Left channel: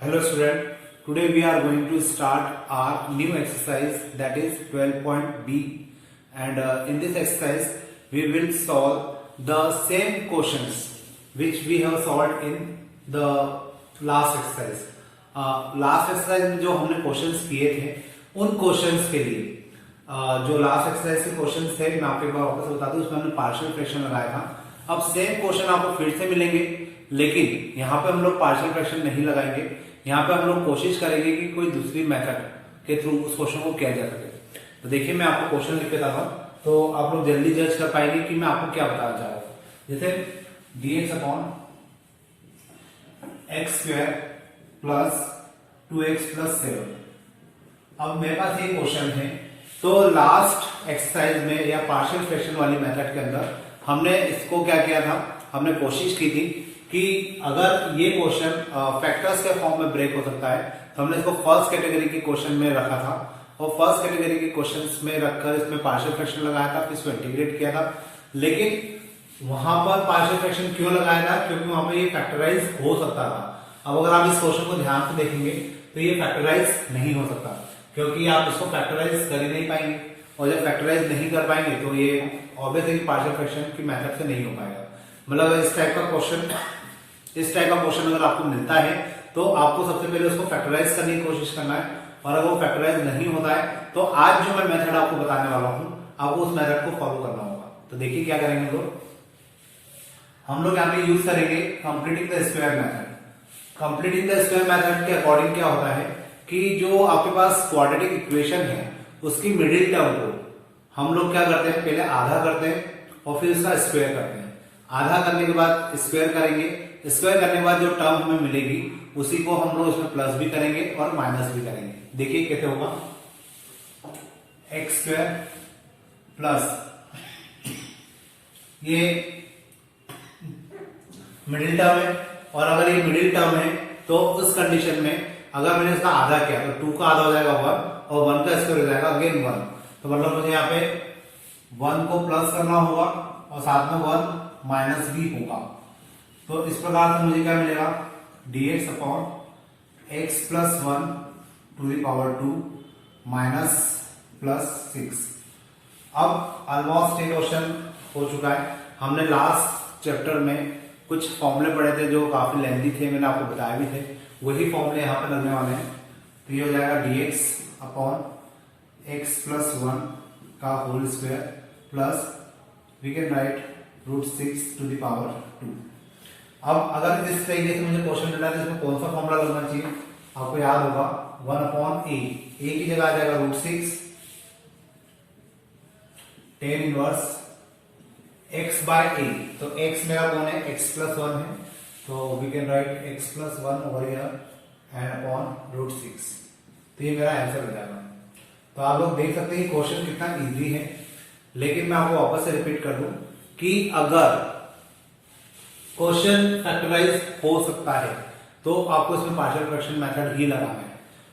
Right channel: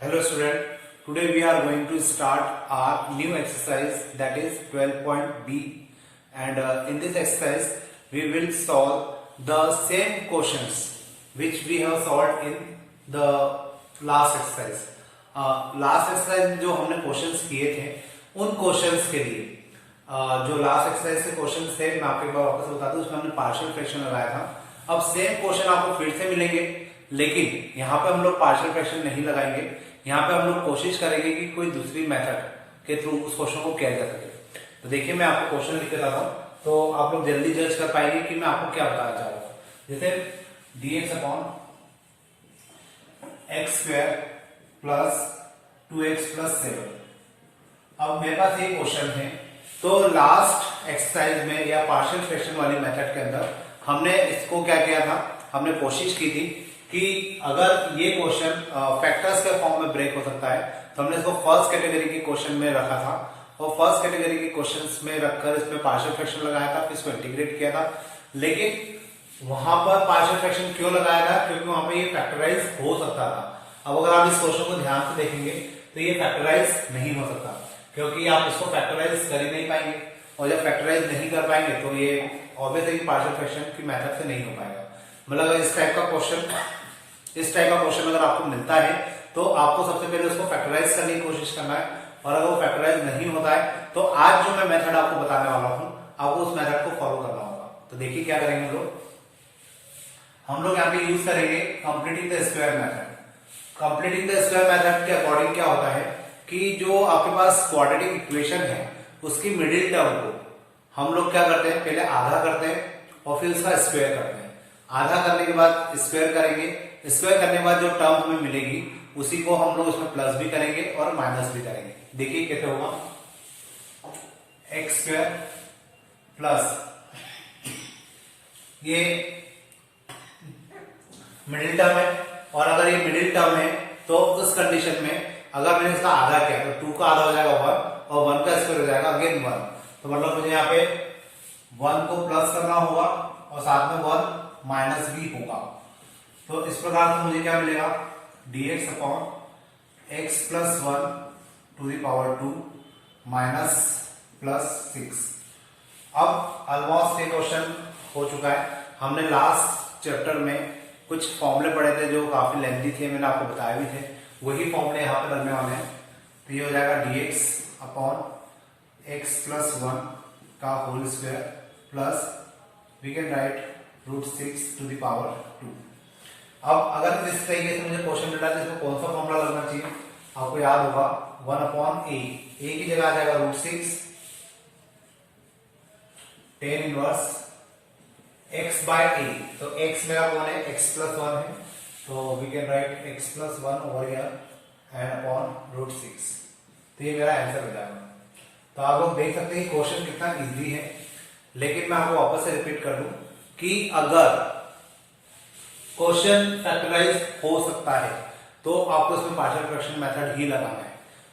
Hello student, today we are going to start our new exercise that is 12.B and in this exercise we will solve the same questions which we have solved in the last exercise. Last exercise में जो हमने questions किए थे उन questions के लिए जो last exercise के क्वेश्चंस थे मैं आपको एक बार वापस बता दूं, उसमें हमने पार्शियल फ्रैक्शन लगाया था। अब सेम क्वेश्चन आपको फिर से मिलेंगे, लेकिन यहाँ पे हम लोग पार्शियल फ्रैक्शन नहीं लगाएंगे। यहाँ पे हम लोग कोशिश करेंगे कि कोई दूसरी मेथड के थ्रू उस क्वेश्चन को किया जा सके। तो देखिए मैं आपको क्वेश्चन लिख के रहा हूं तो आप लोग जल्दी जज कर पाएंगे कि मैं आपको क्या बताना चाह रहा हूं। जैसे dx upon x square plus 2x plus 7। अब मेरे पास ये क्वेश्चन है, तो लास्ट एक्सरसाइज में या पार्शियल फ्रैक्शन वाली मेथड के अंदर हमने इसको क्या किया था, हमने कोशिश की थी कि अगर ये क्वेश्चन फैक्टर्स के फॉर्म में ब्रेक हो सकता है तो हमने इसको फर्स्ट कैटेगरी के क्वेश्चन में रखा था और फर्स्ट कैटेगरी के क्वेश्चंस में रखकर इसमें पार्शियल फ्रैक्शन लगाया था, फिर इसको इंटीग्रेट किया था। लेकिन वहां पर पार्शियल फ्रैक्शन क्यों लगाया था? क्योंकि वहां पर ये फैक्टराइज हो सकता था। अब अगर आप इस क्वेश्चन को ध्यान से देखेंगे तो ये फैक्टराइज नहीं हो सकता, क्योंकि आप इसको फैक्टराइज कर ही नहीं पाएंगे, और जब फैक्टराइज नहीं कर पाएंगे तो ये ऑब्वियसली पार्शियल फ्रैक्शन की मेथड से नहीं हो पाएगा। मतलब अगर इस टाइप का क्वेश्चन अगर आपको मिलता है तो आपको सबसे पहले उसको फैक्टराइज करने की कोशिश करना है, और अगर वो फैक्टराइज नहीं होता है तो आज जो मैं मेथड आपको बताने वाला हूं आपको उस मेथड को फॉलो करना होगा। तो देखिए क्या करेंगे हम लोग यहाँ पे यूज करेंगे completing the square method. Completing the square method के अकॉर्डिंग क्या होता है कि जो आपके पास क्वाड्रेटिक इक्वेशन है उसकी मिडिल टर्म को हम लोग क्या करते हैं, पहले आधा करते हैं और फिर उसका स्क्वायर करते हैं। आधा करने के बाद स्क्वायर करेंगे, स्क्वायर करने के बाद जो टर्म हमें मिलेगी उसी को हम लोग उसमें प्लस भी करेंगे और माइनस भी करेंगे। देखिए कैसे होगा, एक्स स्क्वायर प्लस ये मिडिल टर्म है, और अगर ये मिडिल टर्म है तो उस कंडीशन में अगर मैंने इसका आधा किया तो 2 का आधा हो जाएगा 1 और 1 का स्क्वायर हो जाएगा अगेन 1। तो मतलब मुझे यहाँ पे 1 को प्लस करना होगा और साथ में 1 माइनस भी होगा। तो इस प्रकार से मुझे क्या मिलेगा, dx upon x plus 1 to the power 2 minus plus 6। अब ऑलमोस्ट ये क्वेश्चन हो चुका है। हमने लास्ट चैप्टर में कुछ फॉर्मूले पढ़े थे जो काफी लेंथी थे, मैंने आपको बताए भी थे, वही फॉर्मूले यहाँ पे लगने वाले हैं। तो ये हो जाएगा dx अपॉन एक्स प्लस 1 का whole square plus we can write √6 to the power 2। अब अगर इस तरीके से मुझे क्वेश्चन मिला है इसमें कौन सा फॉर्मूला लगना चाहिए, आपको याद होगा 1 अपॉन ए की जगह आ जाएगा √6 tan inverse x by a. तो x मेरा कौन है, x प्लस 1 है, तो we can write x plus 1 over here and upon √6। तो ये मेरा आंसर हो जाएगा। तो आप लोग देख सकते हैं क्वेश्चन कितना इजी है, लेकिन मैं आपको वापस से रिपीट कर दूं कि अगर क्वेश्चन फैक्टराइज हो सकता है तो आपको इसमें पार्शियल फ्रैक्शन मेथड ही लगाना है,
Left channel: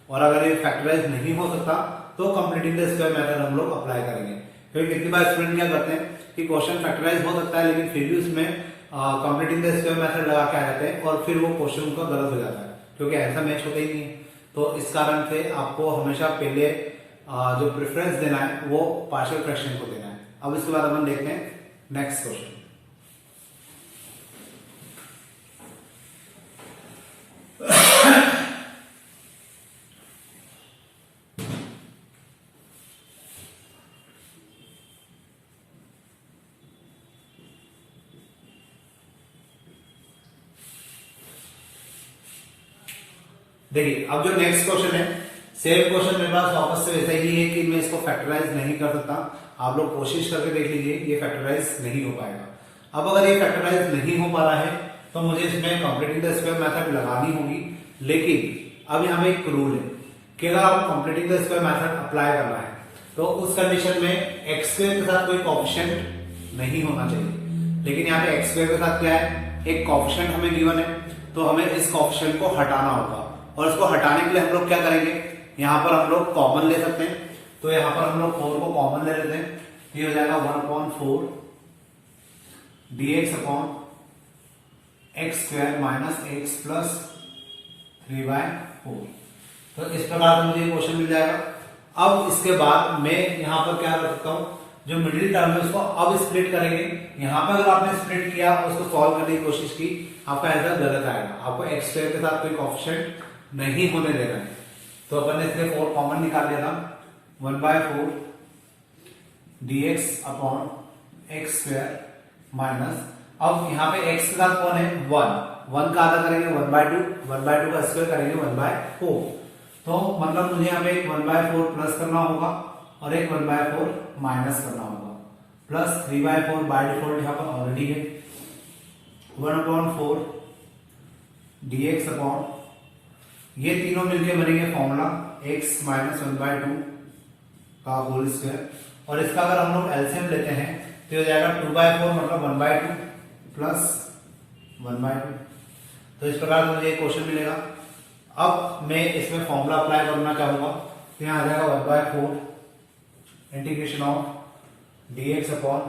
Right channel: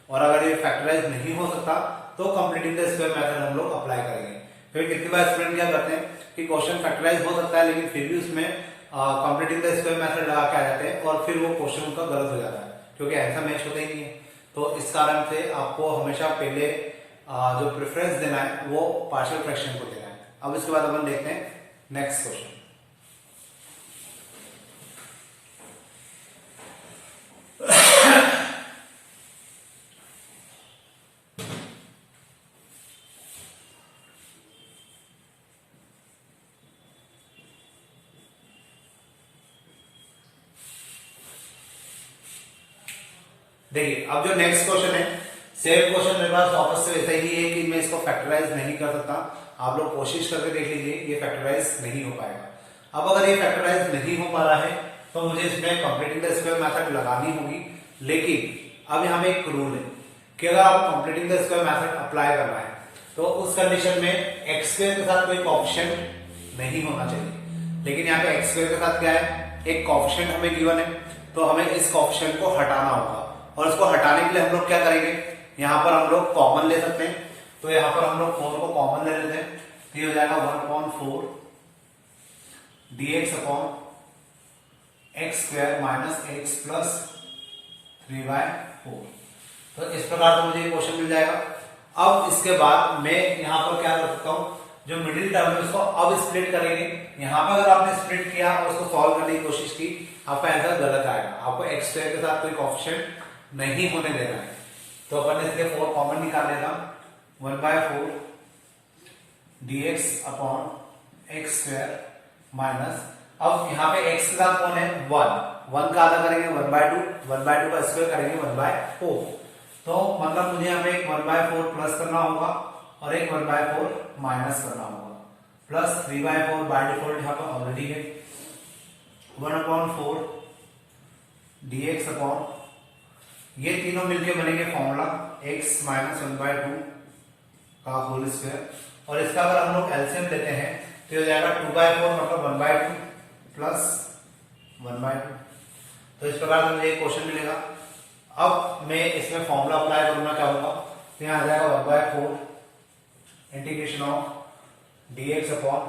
और अगर ये फैक्टराइज नहीं हो सकता तो कंप्लीटिंग द स्क्वायर मेथड हम लोग अप्लाई करेंगे। फिर कितनी बार स्टूडेंट क्या करते हैं कि क्वेश्चन फैक्टराइज हो सकता है लेकिन फिर भी उसमें कंप्लीटिंग द स्क्वायर मेथड लगा के आ जाते हैं और फिर वो क्वेश्चन उनका गलत हो जाता है, क्योंकि ऐसा मैच होता ही नहीं है। तो इस कारण से आपको हमेशा पहले जो प्रेफरेंस देना है वो पार्शियल फ्रैक्शन को देना है। अब इसके बाद अपन देखते हैं नेक्स्ट क्वेश्चन। देखिए अब जो नेक्स्ट क्वेश्चन है, सेम क्वेश्चन मेरे पास वापस से वैसा ही है कि मैं इसको फैक्टराइज नहीं कर सकता। आप लोग कोशिश करके देख लीजिए, ये फैक्टराइज नहीं हो पाएगा। अब अगर ये फैक्टराइज नहीं हो पा रहा है तो मुझे इसमें कंप्लीटिंग द स्क्वायर मेथड लगानी होगी। लेकिन अब यहाँ में एक रूल है कि अगर आपको completing the square method apply करना है तो उस कंडीशन में एक्स स्क्वायर के साथ कोई कोएफिशिएंट नहीं होना चाहिए। लेकिन यहाँ पे एक्स स्क्वायर के साथ क्या है, एक कोएफिशिएंट हमें गिवन है, तो हमें इस कोएफिशिएंट को हटाना होगा। और इसको हटाने के लिए हम लोग क्या करेंगे, यहाँ पर हम लोग कॉमन ले सकते हैं। तो यहाँ पर हम लोग 4 को कॉमन ले लेते हैं, तो ये हो जाएगा 1/4 dx upon x square minus x plus 3/4। तो इस प्रकार से मुझे क्वेश्चन मिल जाएगा। अब इसके बाद मैं यहाँ पर क्या कर सकता हूँ, जो मिडिल टर्म है उसको अब स्प्लिट करेंगे। यहाँ पर अगर आपने स्प्लिट किया और उसको सॉल्व करने की कोशिश की, आपका आंसर गलत आएगा। आपको एक्स स्क्वायर के साथ कोई कोएफिशिएंट नहीं होने देना है। तो अपन ने इसके 4 कॉमन निकाल लेना, 1/4 dx upon x square minus, अब यहाँ पे x के साथ कौन है, 1 का आधा करेंगे 1/2, 1/2 का स्क्वायर करेंगे 1/4। तो मतलब मुझे यहाँ पे 1/4 प्लस करना होगा और एक 1/4 माइनस करना होगा, प्लस 3/4 बाय डिफॉल्ट यहाँ पर ऑलरेडी है, 1/4 dx अपॉन, ये तीनों मिलके बनेंगे फॉर्मूला x माइनस 1/2 का होल स्क्वायर। और इसका अगर हम लोग एलसीएम लेते हैं तो हो जाएगा 2/4 मतलब 1/2 प्लस 1/2। तो इस प्रकार से मुझे क्वेश्चन मिलेगा। अब मैं इसमें फॉर्मूला अप्लाई करूंगा, क्या होगा, तो यहाँ आ जाएगा 1/4 integration of dx upon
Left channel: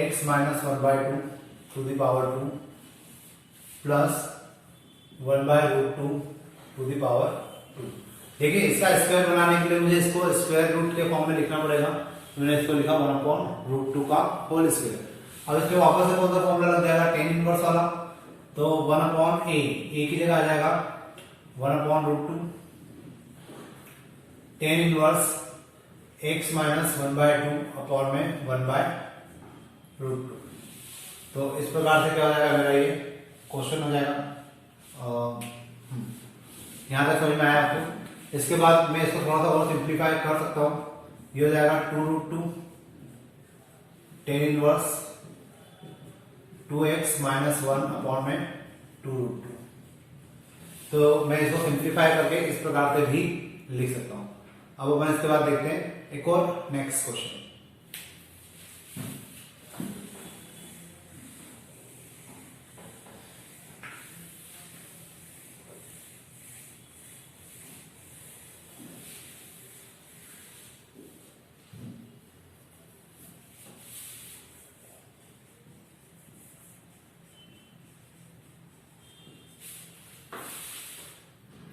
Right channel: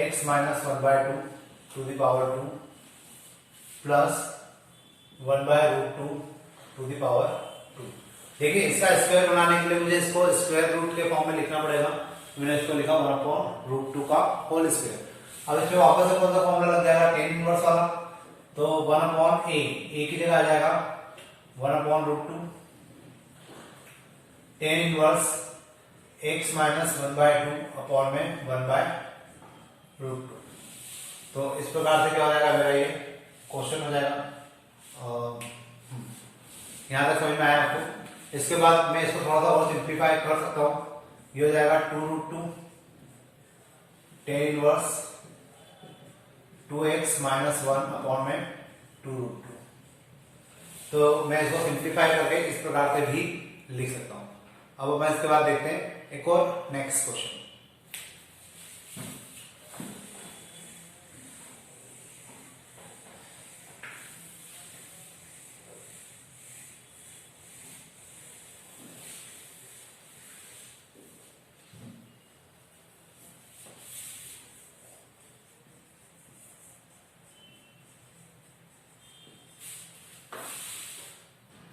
x minus 1/2 to the power 2 plus 1/√2 to the power 2। देखिए इसका स्क्वायर बनाने के लिए मुझे इसको स्क्वायर रूट के फॉर्म में लिखना पड़ेगा। मैंने इसको लिखा 1/√2 का होल स्क्वायर। अब इसमें वापस से कौन सा फॉर्मूला लग जाएगा, tan इनवर्स वाला, तो 1/a की जगह आ जाएगा 1/√2 tan inverse x minus 1/2 upon में 1/√2। तो इस प्रकार से क्या हो जाएगा, मेरा ये क्वेश्चन हो जाएगा। यहां तक समझ में आया आपको। इसके बाद मैं इसको थोड़ा सा और सिंप्लीफाई कर सकता हूं, ये हो जाएगा 2√2 tan inverse 2x minus 1 upon में 2√2। तो मैं इसको सिंप्लीफाई करके इस प्रकार से भी लिख सकता हूं। अब अपन इसके बाद देखते हैं एक और नेक्स्ट क्वेश्चन।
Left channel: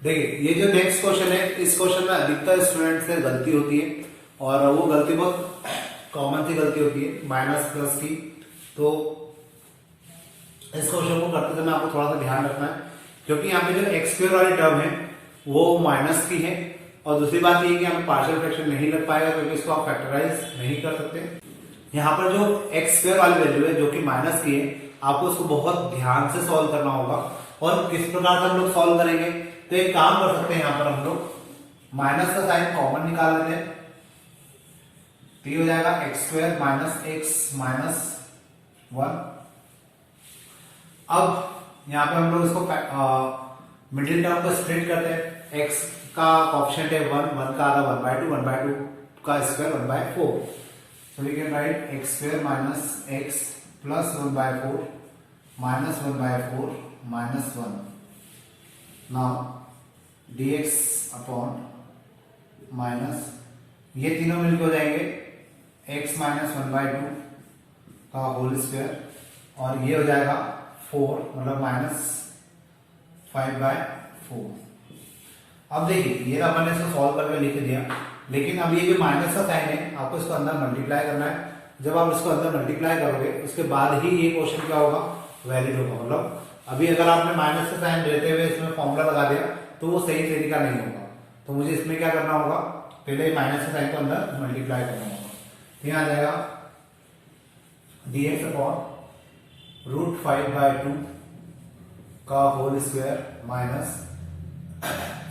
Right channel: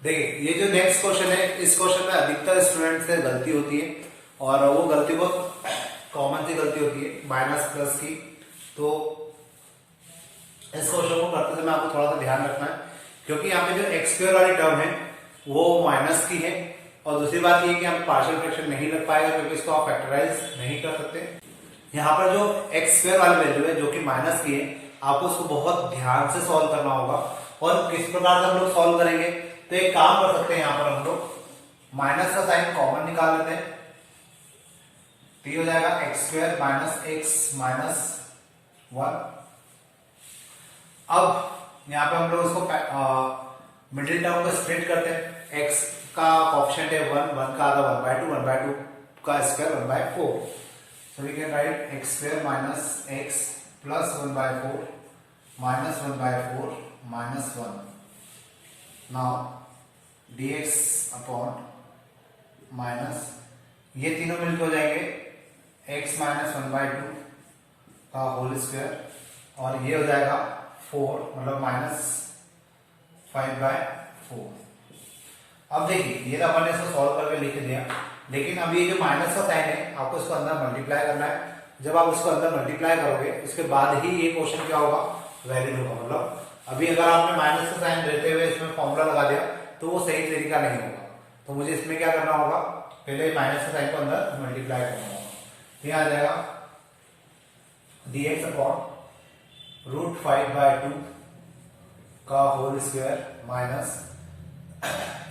देखिए ये जो नेक्स्ट क्वेश्चन है, इस क्वेश्चन में अधिकतर स्टूडेंट से गलती होती है और वो गलती बहुत कॉमन सी गलती होती है, माइनस प्लस की। तो इस क्वेश्चन को करते समय आपको थोड़ा सा ध्यान रखना है, क्योंकि यहाँ पे जो एक्स स्क्वायर वाली टर्म है वो माइनस की है। और दूसरी बात ये कि हम पार्शियल फ्रैक्शन नहीं लग पाएगा, क्योंकि इसको आप फैक्टराइज नहीं कर सकते। यहाँ पर जो एक्स स्क्वायर वाली वैल्यू है जो कि माइनस की है, आपको उसको बहुत ध्यान से सॉल्व करना होगा। और किस प्रकार से हम लोग सॉल्व करेंगे, तो एक काम कर सकते हैं, यहां पर हम लोग माइनस का साइन कॉमन निकाल लेते हैं। तो ये हो जाएगा x square minus x minus 1। अब यहां पे हम लोग इसको मिडिल टर्म को स्प्लिट करते हैं। एक्स का कोएफिशिएंट है 1 का आधा 1/2, 1/2 का square 1/4। So we can write x square minus x plus 1/4 minus 1/4 minus 1। Now dx upon minus, ये तीनों मिलकर हो जाएंगे x माइनस 1/2 का होल स्क्वायर, और ये हो जाएगा 4 मतलब माइनस 5/4। अब देखिए ये तो अपन ने इसको सॉल्व करके लिख दिया, लेकिन अब ये जो माइनस का साइन है आपको इसको अंदर मल्टीप्लाई करना है। जब आप इसको अंदर मल्टीप्लाई करोगे उसके बाद ही ये क्वेश्चन क्या होगा, वैलिड होगा। मतलब अभी अगर आपने माइनस का साइन देते हुए इसमें फॉर्मूला लगा दिया तो वो सही तरीका नहीं होगा। तो मुझे इसमें क्या करना होगा, पहले माइनस का साइन को अंदर मल्टीप्लाई करना होगा। तो यहाँ आ जाएगा dx अपॉन √5/2 का whole square minus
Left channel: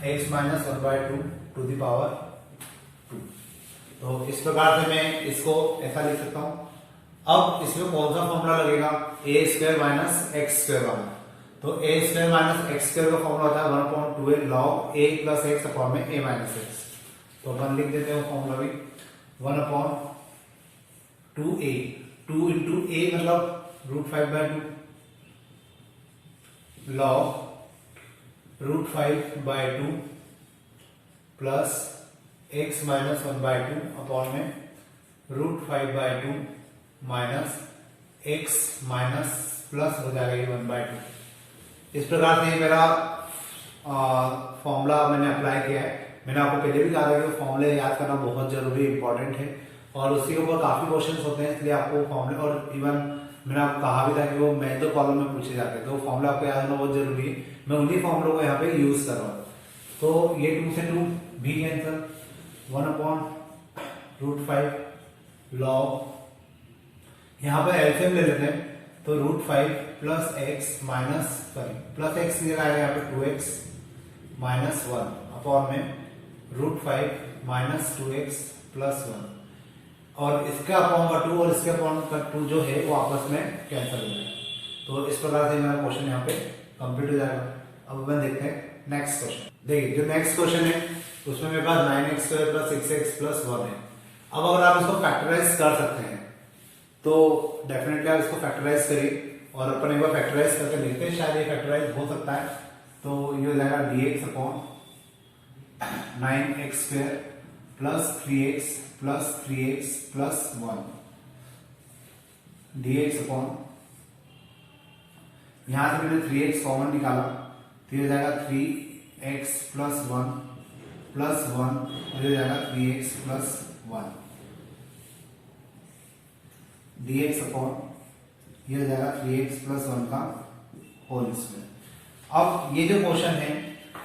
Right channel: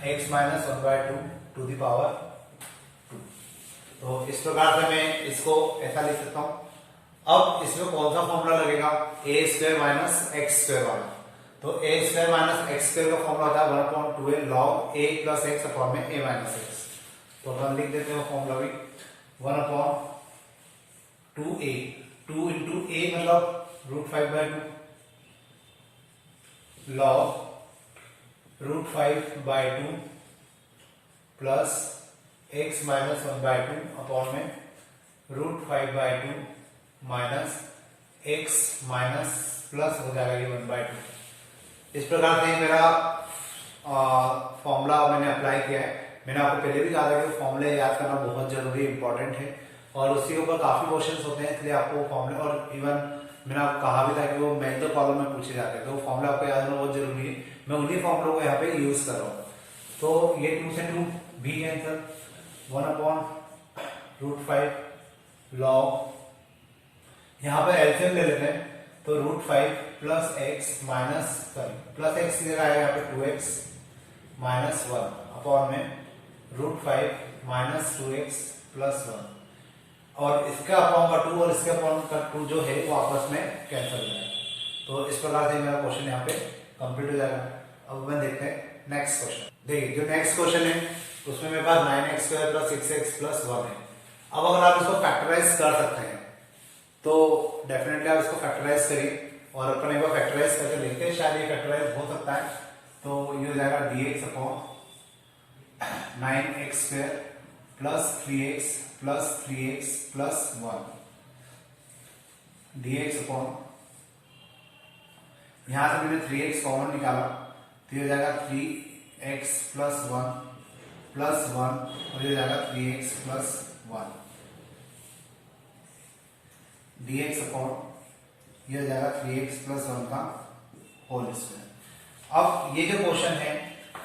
x minus 1/2 to the power 2। तो इस प्रकार से मैं इसको ऐसा लिख सकता हूं। अब इसमें कौन सा फॉर्मूला लगेगा, ए स्क्वायर माइनस एक्स स्क्वायर वाला। तो ए स्क्वायर माइनस एक्स स्क्वायर का फॉर्मूला होता है 1/12 log a plus x upon में a माइनस एक्स। तो अपन लिख देते हैं फॉर्मूला भी 1/2a, 2 इंटू a मतलब √5/2 log √5/2 plus x minus 1/2 upon में √5/2 माइनस x माइनस प्लस हो जाएगा ये 1/2। इस प्रकार से मेरा फॉर्मूला मैंने अप्लाई किया है। मैंने आपको पहले भी कहा था कि फॉर्मूले याद करना बहुत जरूरी इंपॉर्टेंट है और उसके ऊपर काफी क्वेश्चंस होते हैं, इसलिए आपको फॉर्मूले, और इवन मैंने आपको कहा भी था कि वो मेथड कॉलम में पूछे जाते हैं, तो फॉर्मूला आपको याद करना बहुत जरूरी है। मैं उन्हीं फॉर्मूलों को यहाँ पे यूज कर रहा हूँ। तो ये 2 से 2 भी कैंसल, 1/√5 लॉग, यहाँ पे एलसीएम ले लेते हैं, तो √5 plus x minus plus x की जगह आएगा यहाँ पे 2x माइनस 1 अपॉन में √5 माइनस 2x प्लस 1, और इसके अपॉन का 2 और इसके अपॉन का 2 जो है वो आपस में कैंसिल हो जाएगा। तो इस प्रकार से मेरा क्वेश्चन यहाँ पे कंप्लीट हो जाएगा। अब अपन देखते हैं नेक्स्ट क्वेश्चन। देखिए जो नेक्स्ट क्वेश्चन है उसमें मेरे पास 9x² प्लस 6x प्लस 1 है। अब अगर आप इसको फैक्टराइज कर सकते हैं तो डेफिनेटली आप इसको फैक्टराइज करिए, और अपन एक बार फैक्टराइज करके देखते हैं, शायद ये फैक्टराइज हो सकता है। तो ये हो जाएगा dx upon 9x² plus 3x plus 3x plus 1 dx upon, यहां से मैंने 3x कॉमन निकाला तो ये हो जाएगा 3x प्लस 1 प्लस 1 और ये हो जाएगा 3x प्लस 1 dx अपॉन, ये हो जाएगा 3x प्लस 1 का होल स्क्वायर। अब ये जो क्वेश्चन है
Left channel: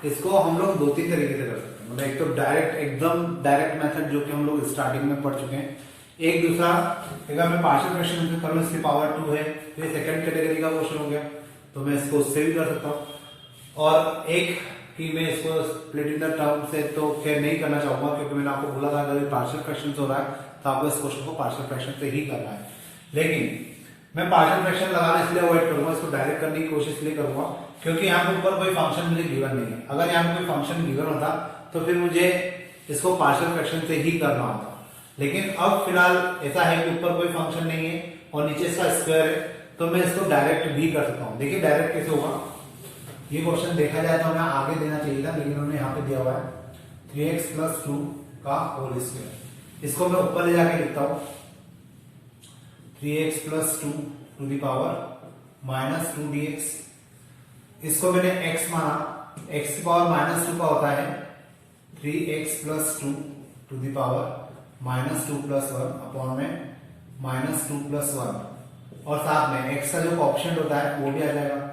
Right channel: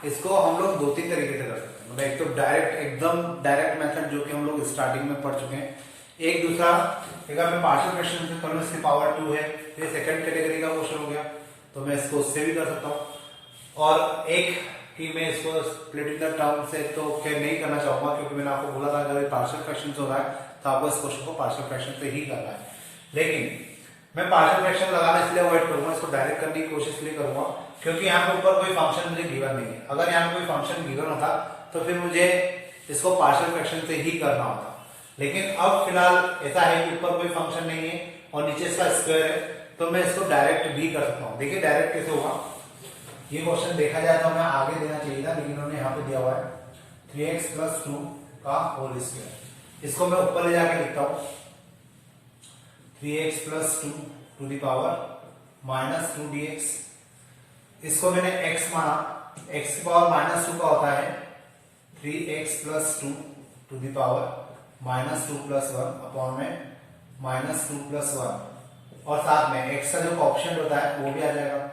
इसको हम लोग 2-3 तरीके से कर सकते हैं। मतलब एक तो डायरेक्ट, एकदम डायरेक्ट मेथड जो कि हम लोग स्टार्टिंग में पढ़ चुके हैं। एक दूसरा, अगर मैं पार्शियल फ्रैक्शन करूं इसकी पावर 2 है तो ये सेकंड कैटेगरी का क्वेश्चन हो गया, तो मैं इसको उससे भी कर सकता हूं। और एक कि मैं इसको स्प्लिटिंग द टर्म से तो क्या नहीं करना चाहूंगा, क्योंकि मैंने आपको बोला था अगर पार्शियल फ्रैक्शन हो रहा है तो आपको इस क्वेश्चन को पार्शियल फ्रैक्शन से ही करना है। लेकिन मैं पार्शियल फ्रैक्शन लगाना इसलिए अवॉइड करूंगा, इसको डायरेक्ट करने की कोशिश इसलिए करूंगा क्योंकि यहाँ पे ऊपर कोई फंक्शन मुझे गिवन नहीं है। अगर यहाँ पे कोई फंक्शन गिवन होता तो फिर मुझे इसको पार्शियल फ्रैक्शन से ही करना होता, लेकिन अब फिलहाल ऐसा है कि ऊपर कोई फंक्शन नहीं है और नीचे इसका स्क्वायर है, तो मैं इसको डायरेक्ट भी कर सकता हूँ। देखिए डायरेक्ट कैसे होगा, ये क्वेश्चन देखा जाए तो हमें आगे देना चाहिए था, लेकिन उन्होंने यहाँ पे दिया हुआ है 3x प्लस 2 का होल स्क्वायर। इसको मैं ऊपर ले जाके लिखता हूँ 3x plus 2 to the power minus 2 dx। इसको मैंने x माना, x की पावर माइनस 2 का होता है 3x plus 2 to the power minus 2 plus 1 upon में माइनस 2 प्लस 1, और साथ में x का जो ऑप्शन होता है वो भी आ जाएगा।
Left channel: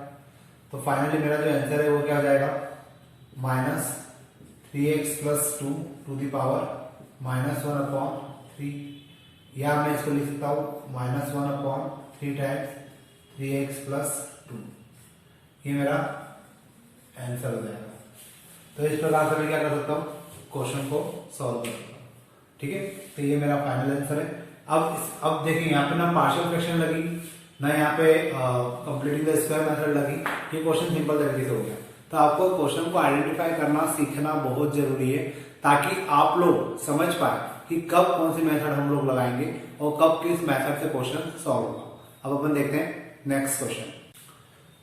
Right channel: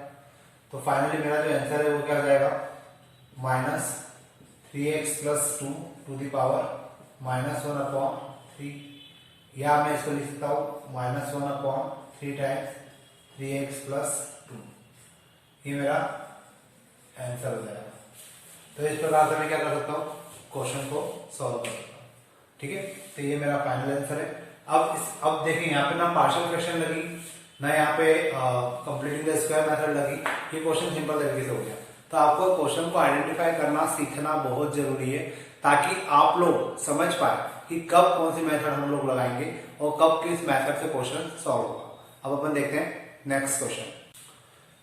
तो फाइनली मेरा जो आंसर है वो क्या हो जाएगा, minus 3x plus 2 to the power minus 1 upon 3, या मैं इसको लिख सकता हूं minus 1 upon 3 times 3x plus 2। ये मेरा आंसर हो जाएगा। तो इस प्रकार से मैं क्या कर सकता हूँ, क्वेश्चन को सॉल्व कर सकता हूँ। ठीक है, तो ये मेरा फाइनल आंसर है। अब देखिए यहाँ पे ना पार्शियल फ्रैक्शन लगी ना यहाँ पे कंप्लीटिंग द स्क्वायर मेथड लगी, ये क्वेश्चन सिंपल तरीके से हो गया। तो आपको क्वेश्चन को आइडेंटिफाई करना सीखना बहुत जरूरी है, ताकि आप लोग समझ पाए कि कब कौन सी मेथड हम लोग लगाएंगे और कब किस मेथड से क्वेश्चन सॉल्व होगा। अब अपन देखते हैं नेक्स्ट क्वेश्चन।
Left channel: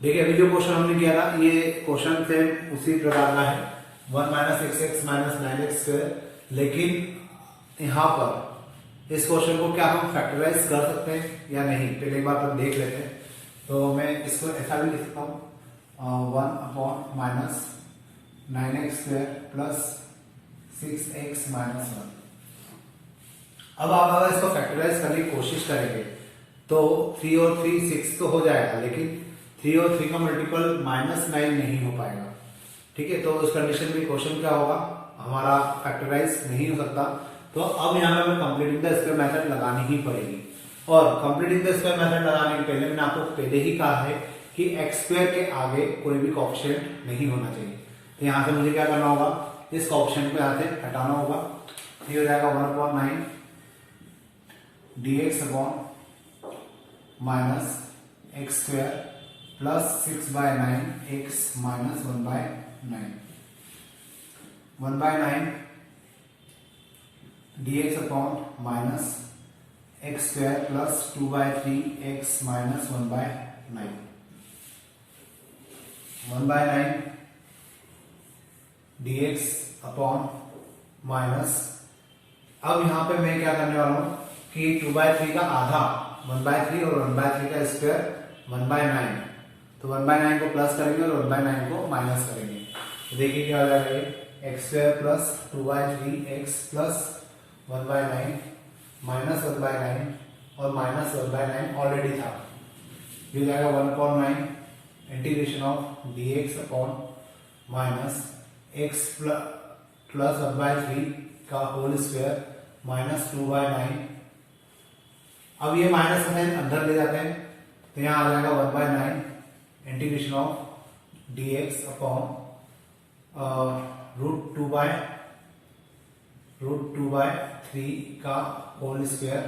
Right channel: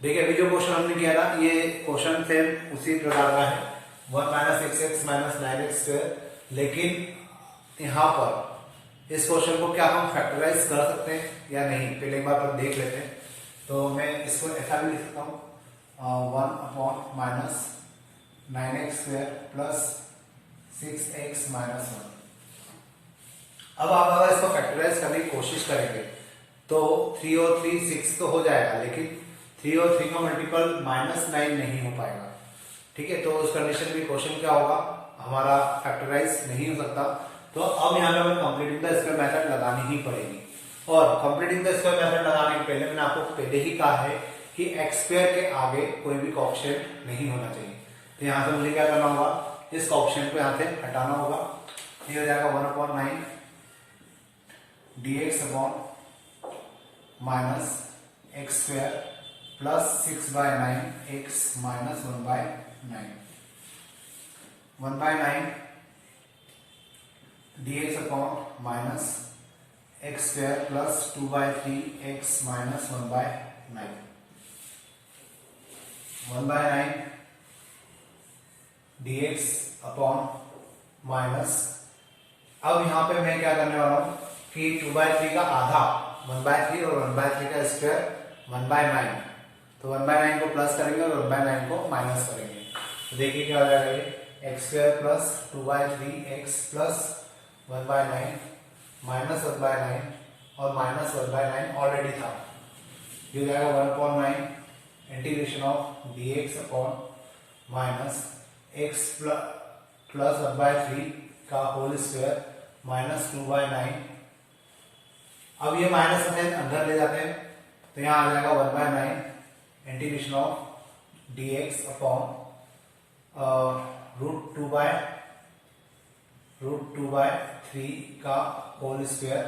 देखिए अभी जो क्वेश्चन हमने किया था ये क्वेश्चन सेम उसी प्रकार का है, 1 minus x x minus 9x², लेकिन यहाँ पर इस क्वेश्चन को क्या हम फैक्टराइज कर सकते हैं या नहीं, पहले एक बार पर देख लेते हैं। तो मैं इसको ऐसा भी लिख सकता हूँ 1 upon minus 9x² plus 6x minus 1। अब आप अगर इसको फैक्टराइज करने की कोशिश करेंगे तो 3 और 3 6 तो हो जाएगा, लेकिन 3 और 3 का मल्टीपल -9 नहीं हो पाएगा। ठीक है, तो उस कंडीशन में क्वेश्चन क्या होगा, हमारा फैक्टराइज नहीं हो सकता। तो अब यहाँ पे हमें कंप्लीटिंग द स्क्वायर मेथड लगानी ही पड़ेगी, और कंप्लीटिंग द स्क्वायर मेथड लगाने के पहले मैंने आपको पहले ही कहा है कि x² के आगे कोई भी कोएफिशिएंट नहीं होना चाहिए। तो यहाँ से मुझे क्या करना होगा, इस कोएफिशिएंट को यहाँ से हटाना होगा। ये हो जाएगा 1/9 dx upon minus x² plus 6/9 x minus 1/9 dx upon minus x² plus 2/3 x minus 1/9 dx upon minus, अब यहां पे मैं क्या करने वाला हूं कि 2/3 का आधा 1/3 और 1/3 का स्क्वायर 1/9, तो तो 1/9 को प्लस करेंगे और 1/9 को माइनस करेंगे। तो देखिए क्या हो जाएगा ये x² plus 2/3x plus 1/9 minus 1/9 और माइनस 1/9 ऑलरेडी था। ये हो जाएगा 1/9 integration of dx upon minus x plus 1/3 का होल स्क्वायर माइनस 2/9। अब ये माइनस साइन अंदर ले जाते हैं तो यहाँ आ जाएगा 1/9 इंटीग्रेशन ऑफ dx अपॉन √2/3 का whole square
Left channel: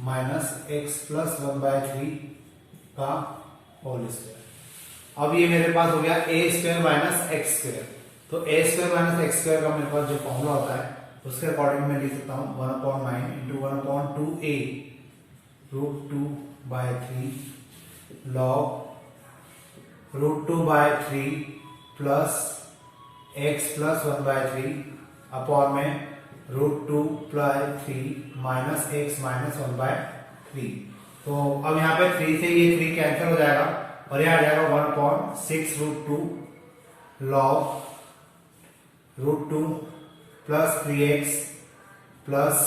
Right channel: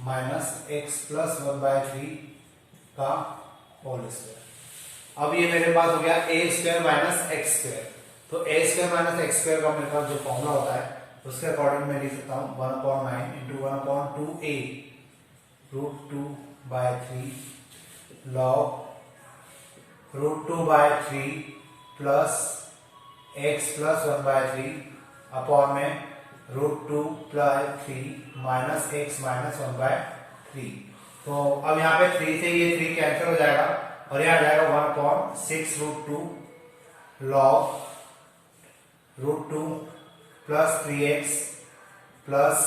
minus x plus 1/3 का होल स्क्वायर। अब ये मेरे पास हो गया a² माइनस x²। तो a² माइनस x² का मेरे पास जो फॉर्मूला होता है उसके अकॉर्डिंग मैं लिख सकता हूँ 1/9 into 1/2a √2/3 log √2/3 plus x plus 1/3 upon में √2/3 माइनस x माइनस 1/3। तो अब यहाँ पे 3 से ये 3 कैंसिल हो जाएगा और यहाँ आ जाएगा 1/6√2 log √2 plus 3x plus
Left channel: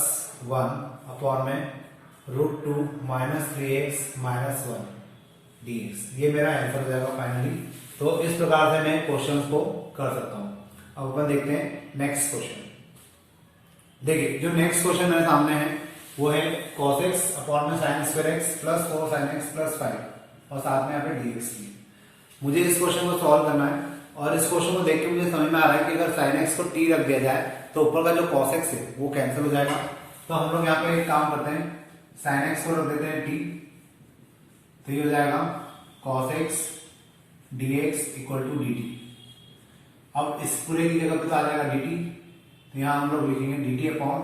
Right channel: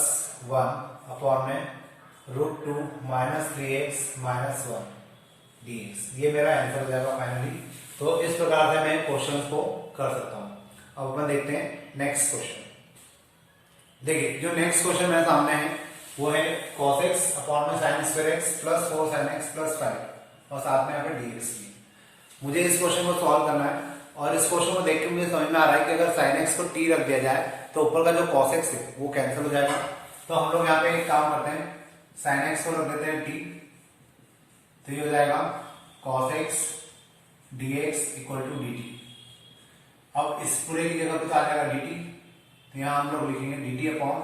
1 upon में √2 माइनस 3x माइनस 1 dx। ये मेरा आंसर हो जाएगा फाइनली। तो इस प्रकार से मैं क्वेश्चन को कर सकता हूं। अब अपन देखते हैं नेक्स्ट क्वेश्चन। देखिए जो नेक्स्ट क्वेश्चन मेरे सामने है वो है cos x अपॉन में sin square x plus 4 sin x plus 5 और साथ में यहाँ पे dx भी। मुझे इस क्वेश्चन को सॉल्व करना है और इस क्वेश्चन को देख के मुझे समझ में आ रहा है कि अगर sin x को t रख दिया जाए तो ऊपर का जो cos x है वो कैंसिल हो जाएगा। तो हम लोग यहाँ पे एक काम करते हैं, sin x को रख देते हैं t, तो ये हो जाएगा cos x dx equal to dt। अब इस पूरे की जगह पे आ जाएगा dt, तो यहाँ हम लोग लिखेंगे dt अपॉन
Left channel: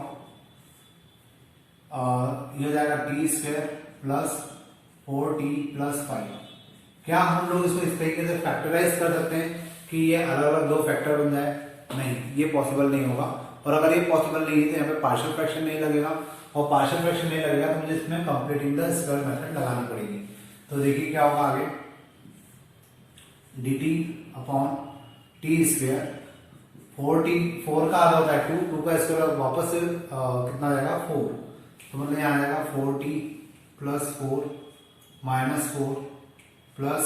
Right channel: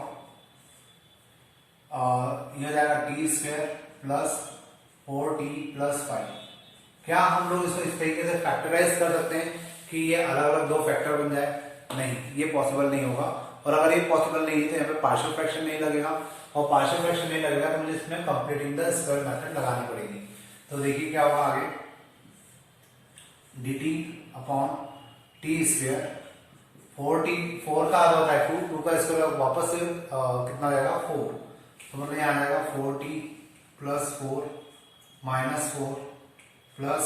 और ये हो जाएगा t² प्लस 4t प्लस 5। क्या हम लोग इसको इस तरीके से फैक्टराइज कर सकते हैं कि ये अलग अलग दो फैक्टर बन जाए? नहीं, ये पॉसिबल नहीं होगा। और अगर ये पॉसिबल नहीं है तो यहाँ पे पार्शियल फ्रैक्शन नहीं लगेगा और पार्शियल फ्रैक्शन नहीं लगेगा तो मुझे इसमें कंप्लीटिंग द स्क्वायर मेथड लगानी पड़ेगी। तो देखिए क्या होगा आगे, dt अपॉन t², 4 का आधा होता है 2 का स्क्वायर वापस से कितना जाएगा 4, तो मतलब यहाँ आ जाएगा 4t प्लस 4 माइनस 4 प्लस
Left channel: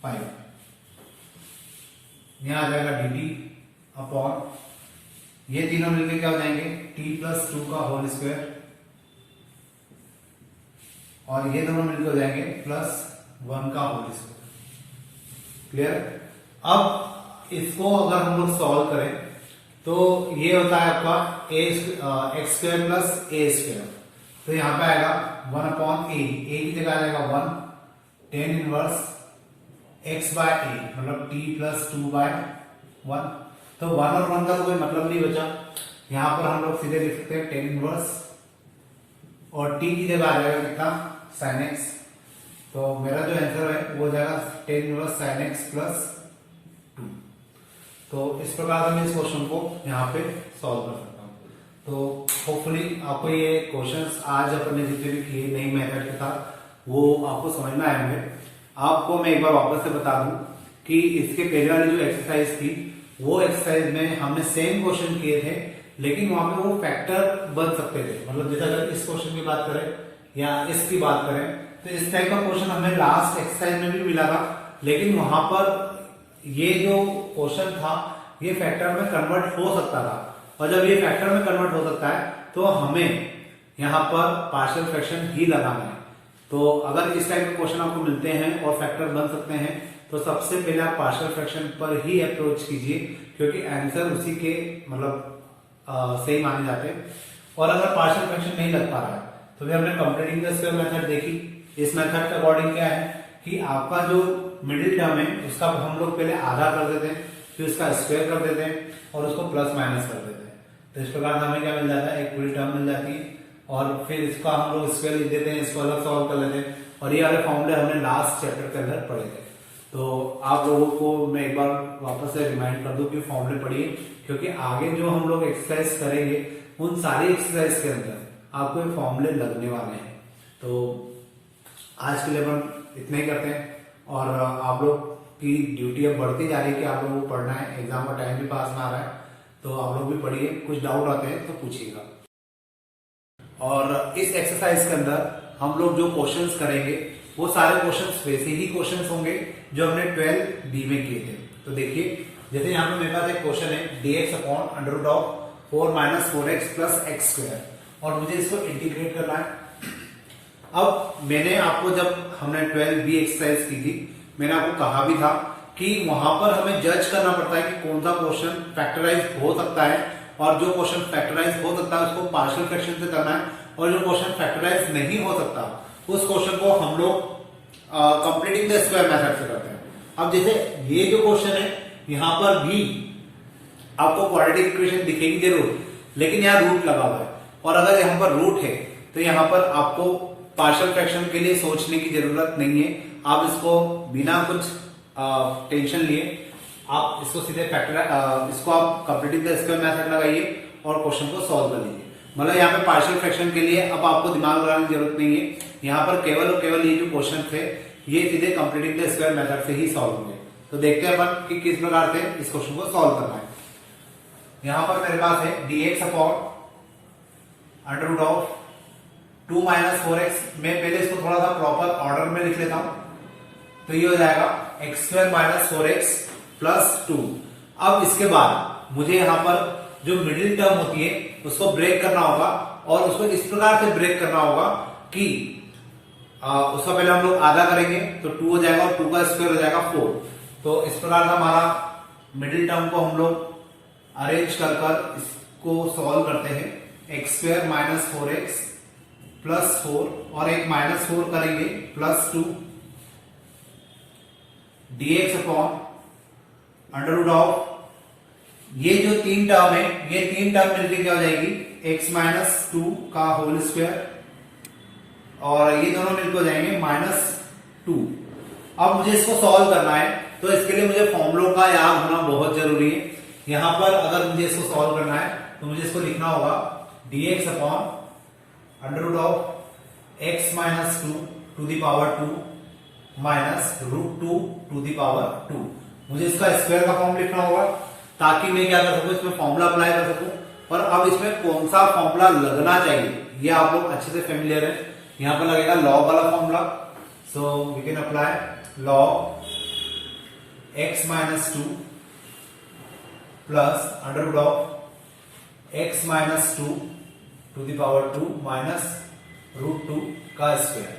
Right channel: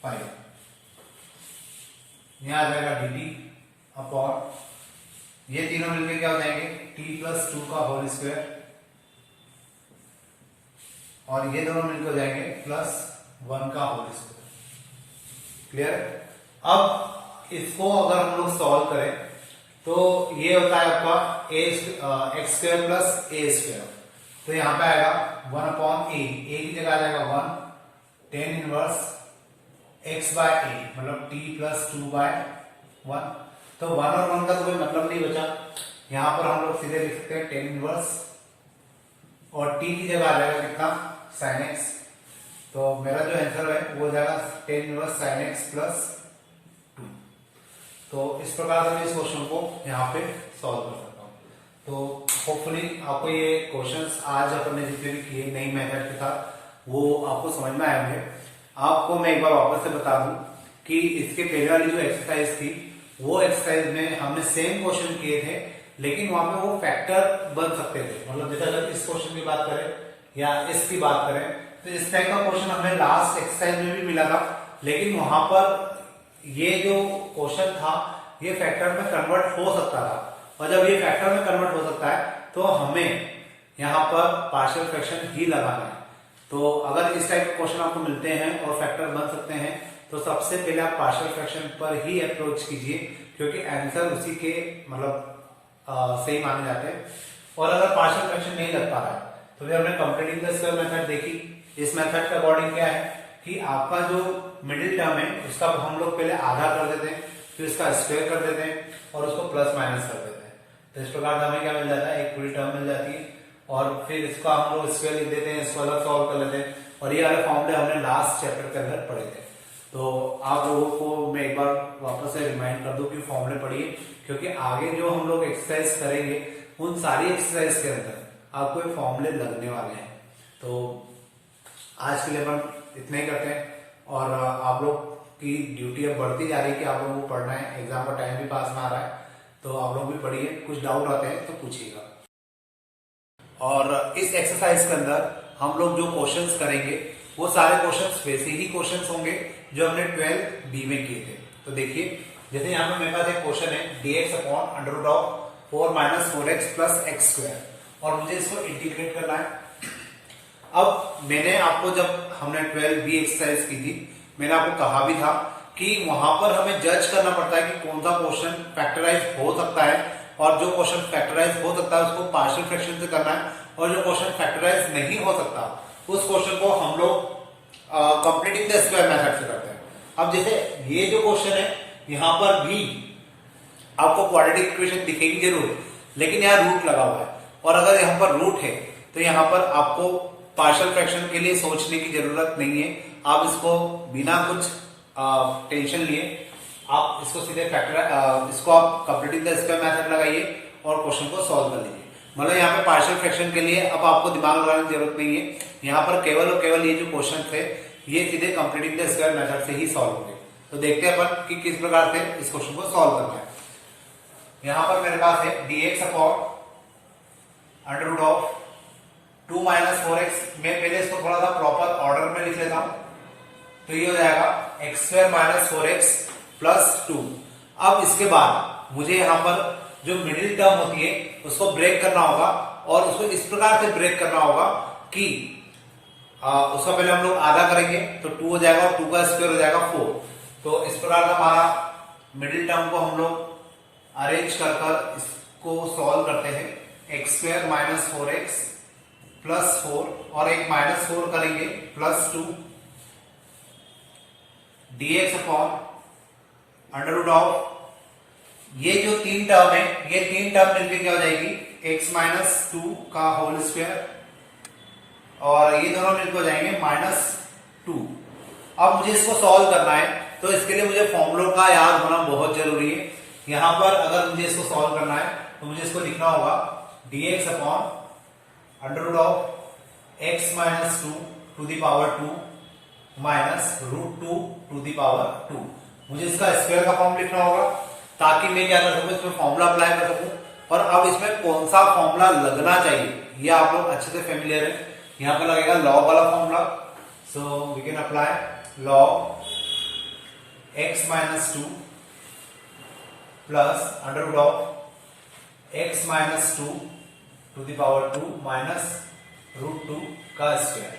5। यहाँ आ जाएगा dt अपॉन ये तीनों मिलकर क्या हो जाएंगे t प्लस 2 का होल स्क्वायर और ये दोनों मिलकर हो जाएंगे प्लस 1 का होल स्क्वायर। क्लियर? अब इसको अगर हम लोग सॉल्व करें तो ये होता है आपका x² प्लस a²। तो यहाँ पे आएगा 1 अपॉन a की जगह आ जाएगा 1 tan inverse x by a मतलब t प्लस 2/1। तो 1 और 1 का तो कोई मतलब नहीं बचा, यहाँ पर हम लोग सीधे लिख सकते हैं tan इनवर्स और t की जगह आ जाएगा कितना sin x। तो मेरा जो आंसर है वो हो जाएगा tan inverse sin x plus 2। तो इस प्रकार से मैं इस क्वेश्चन को यहाँ पे सॉल्व कर सकता हूँ। तो होपफुली आपको ये क्वेश्चंस आज अपन ने जितने भी किए नई मेथड के साथ वो आपको समझ में आएंगे। आपको मैं एक बार वापस से बता दूं कि इसके पहले वाली जो एक्सरसाइज थी वो एक्सरसाइज में हमने सेम क्वेश्चन किए थे, लेकिन वहां पे वो फैक्टर बन सकते थे। मतलब जैसे अगर इस क्वेश्चन की बात करें या इसकी बात करें तो इस टाइप का क्वेश्चन हमें लास्ट एक्सरसाइज में भी मिला था, लेकिन वहां पर ये जो क्वेश्चन था ये फैक्टर में कन्वर्ट हो सकता था। और जब ये फैक्टर में कन्वर्ट हो सकता है तो हमें यहाँ पर पार्शियल फ्रैक्शन ही लगाना है। तो अगर इस टाइप के क्वेश्चन आपको मिलते हैं और फैक्टर बन सकते हैं तो सबसे पहले आप पार्शियल फ्रैक्शन पर ही अप्रोच कीजिए, क्योंकि आंसर उसी के मतलब सही माने जाते हैं। और अगर पार्शियल फ्रैक्शन नहीं लग पा रहा है तो फिर हमने कंप्लीटिंग द स्क्वायर मेथड देखी। इस मेथड का अकॉर्डिंग क्या है कि आपका जो मिडिल टर्म है उसका हम लोग पहले आधा कर देते हैं, फिर उसका स्क्वायर कर देते हैं और उसको प्लस माइनस कर देते हैं। तो इस प्रकार हमें क्या मिल जाता है, एक पूरी टर्म मिल जाती है और फिर इसका हम लोग स्क्वायर लिख देते हैं, इसको अलग सॉल्व कर लेते हैं। और ये वाले फॉर्मूले हमने लास्ट चैप्टर के अंदर पढ़े थे। तो आप लोगों को मैं एक बार वापस से रिमाइंड कर दूं कि फॉर्मूले पढ़िए, क्योंकि आगे जो हम लोग एक्सरसाइज करेंगे उन सारी एक्सरसाइज के अंदर आपको ये फॉर्मूले लगने वाले हैं। तो आज के लिए अपन इतना ही करते हैं और आप लोग की ड्यूटी अब बढ़ती जा रही है कि आप लोगों को पढ़ना है, एग्जाम का टाइम भी पास में आ रहा है, तो आप लोग भी पढ़िए। कुछ डाउट आते हैं तो पूछिएगा। और इस एक्सरसाइज के अंदर हम लोग जो क्वेश्चंस करेंगे वो सारे क्वेश्चंस वैसे ही क्वेश्चंस होंगे जो हमने 12 बी में किए थे। तो देखिए, जैसे यहाँ पे मेरे पास एक क्वेश्चन है dx upon under root of 4 minus 4x plus x square, और मुझे इसको इंटीग्रेट करना है। अब मैंने आपको, जब हमने 12 बी एक्सरसाइज की थी, मैंने आपको कहा भी था कि वहां पर हमें जज करना पड़ता है कि कौन सा क्वेश्चन फैक्टराइज हो सकता है, और जो क्वेश्चन फैक्टराइज हो सकता है उसको पार्शियल फ्रैक्शन से करना है, और जो क्वेश्चन फैक्टराइज नहीं हो सकता उस क्वेश्चन को हम लोग कंप्लीटिंग द स्क्वायर मेथड से करते हैं। अब जैसे ये जो क्वेश्चन है, यहां पर भी आपको क्वाड्रेटिक इक्वेशन दिखेगी जरूर, लेकिन यहाँ रूट लगा हुआ है, और अगर यहाँ पर रूट है तो यहाँ पर आपको पार्शियल फ्रैक्शन के लिए सोचने की जरूरत नहीं है। आप इसको बिना कुछ टेंशन लिए आप इसको सीधे इसको आप कंप्लीटिंग द स्क्वायर मेथड लगाइए और क्वेश्चन को सॉल्व कर लीजिए। मतलब यहाँ पे पार्शियल फ्रैक्शन के लिए अब आपको दिमाग लगाने की जरूरत नहीं है। यहाँ पर केवल और केवल ये जो क्वेश्चन थे ये सीधे कंप्लीटिंग द स्क्वायर मेथड से ही सॉल्व होंगे। तो देखते हैं अपन कि किस प्रकार से इस क्वेश्चन को सॉल्व करना है। यहां पर मेरे पास है dx upon under root of 2 minus 4x। मैं पहले इसको थोड़ा सा प्रॉपर ऑर्डर में लिख लेता हूं, तो ये हो जाएगा x square minus 4x plus 2। अब इसके बाद मुझे यहां पर जो मिडिल टर्म होती है उसको ब्रेक करना होगा, और उसको इस प्रकार से ब्रेक करना होगा कि उसका पहले हम लोग आधा करेंगे तो 2 हो जाएगा, और 2 का स्क्वायर हो जाएगा 4। तो इस प्रकार का हमारा मिडिल टर्म को हम लोग अरेंज कर इसको सॉल्व करते हैं। X square minus 4x plus 4, और एक माइनस 4 करेंगे plus 2 dx upon under root of, ये जो 3 टर्म है ये 3 टर्म मिलकर क्या हो जाएगी, x माइनस 2 का होल स्क्वायर, और ये दोनों मिलकर हो जाएंगे माइनस 2। अब मुझे इसको सॉल्व करना है, तो इसके लिए मुझे फॉर्मूलों का याद होना बहुत जरूरी है। यहां पर अगर मुझे इसको सॉल्व करना है तो मुझे इसको लिखना होगा dx upon under root of x minus 2 to the power 2 minus root 2 to the power 2। मुझे इसका स्क्वायर का फॉर्म लिखना होगा ताकि मैं क्या कर सकूं, इसमें फॉर्मूला अप्लाई कर सकूं। और अब इसमें कौन सा फॉर्मूला लगना चाहिए ये आप लोग अच्छे से फेमिलियर है। यहां पर लगेगा लॉग वाला formula, so we can apply log x minus 2 plus under root of x minus 2 to the power 2 minus root 2 का स्क्वायर।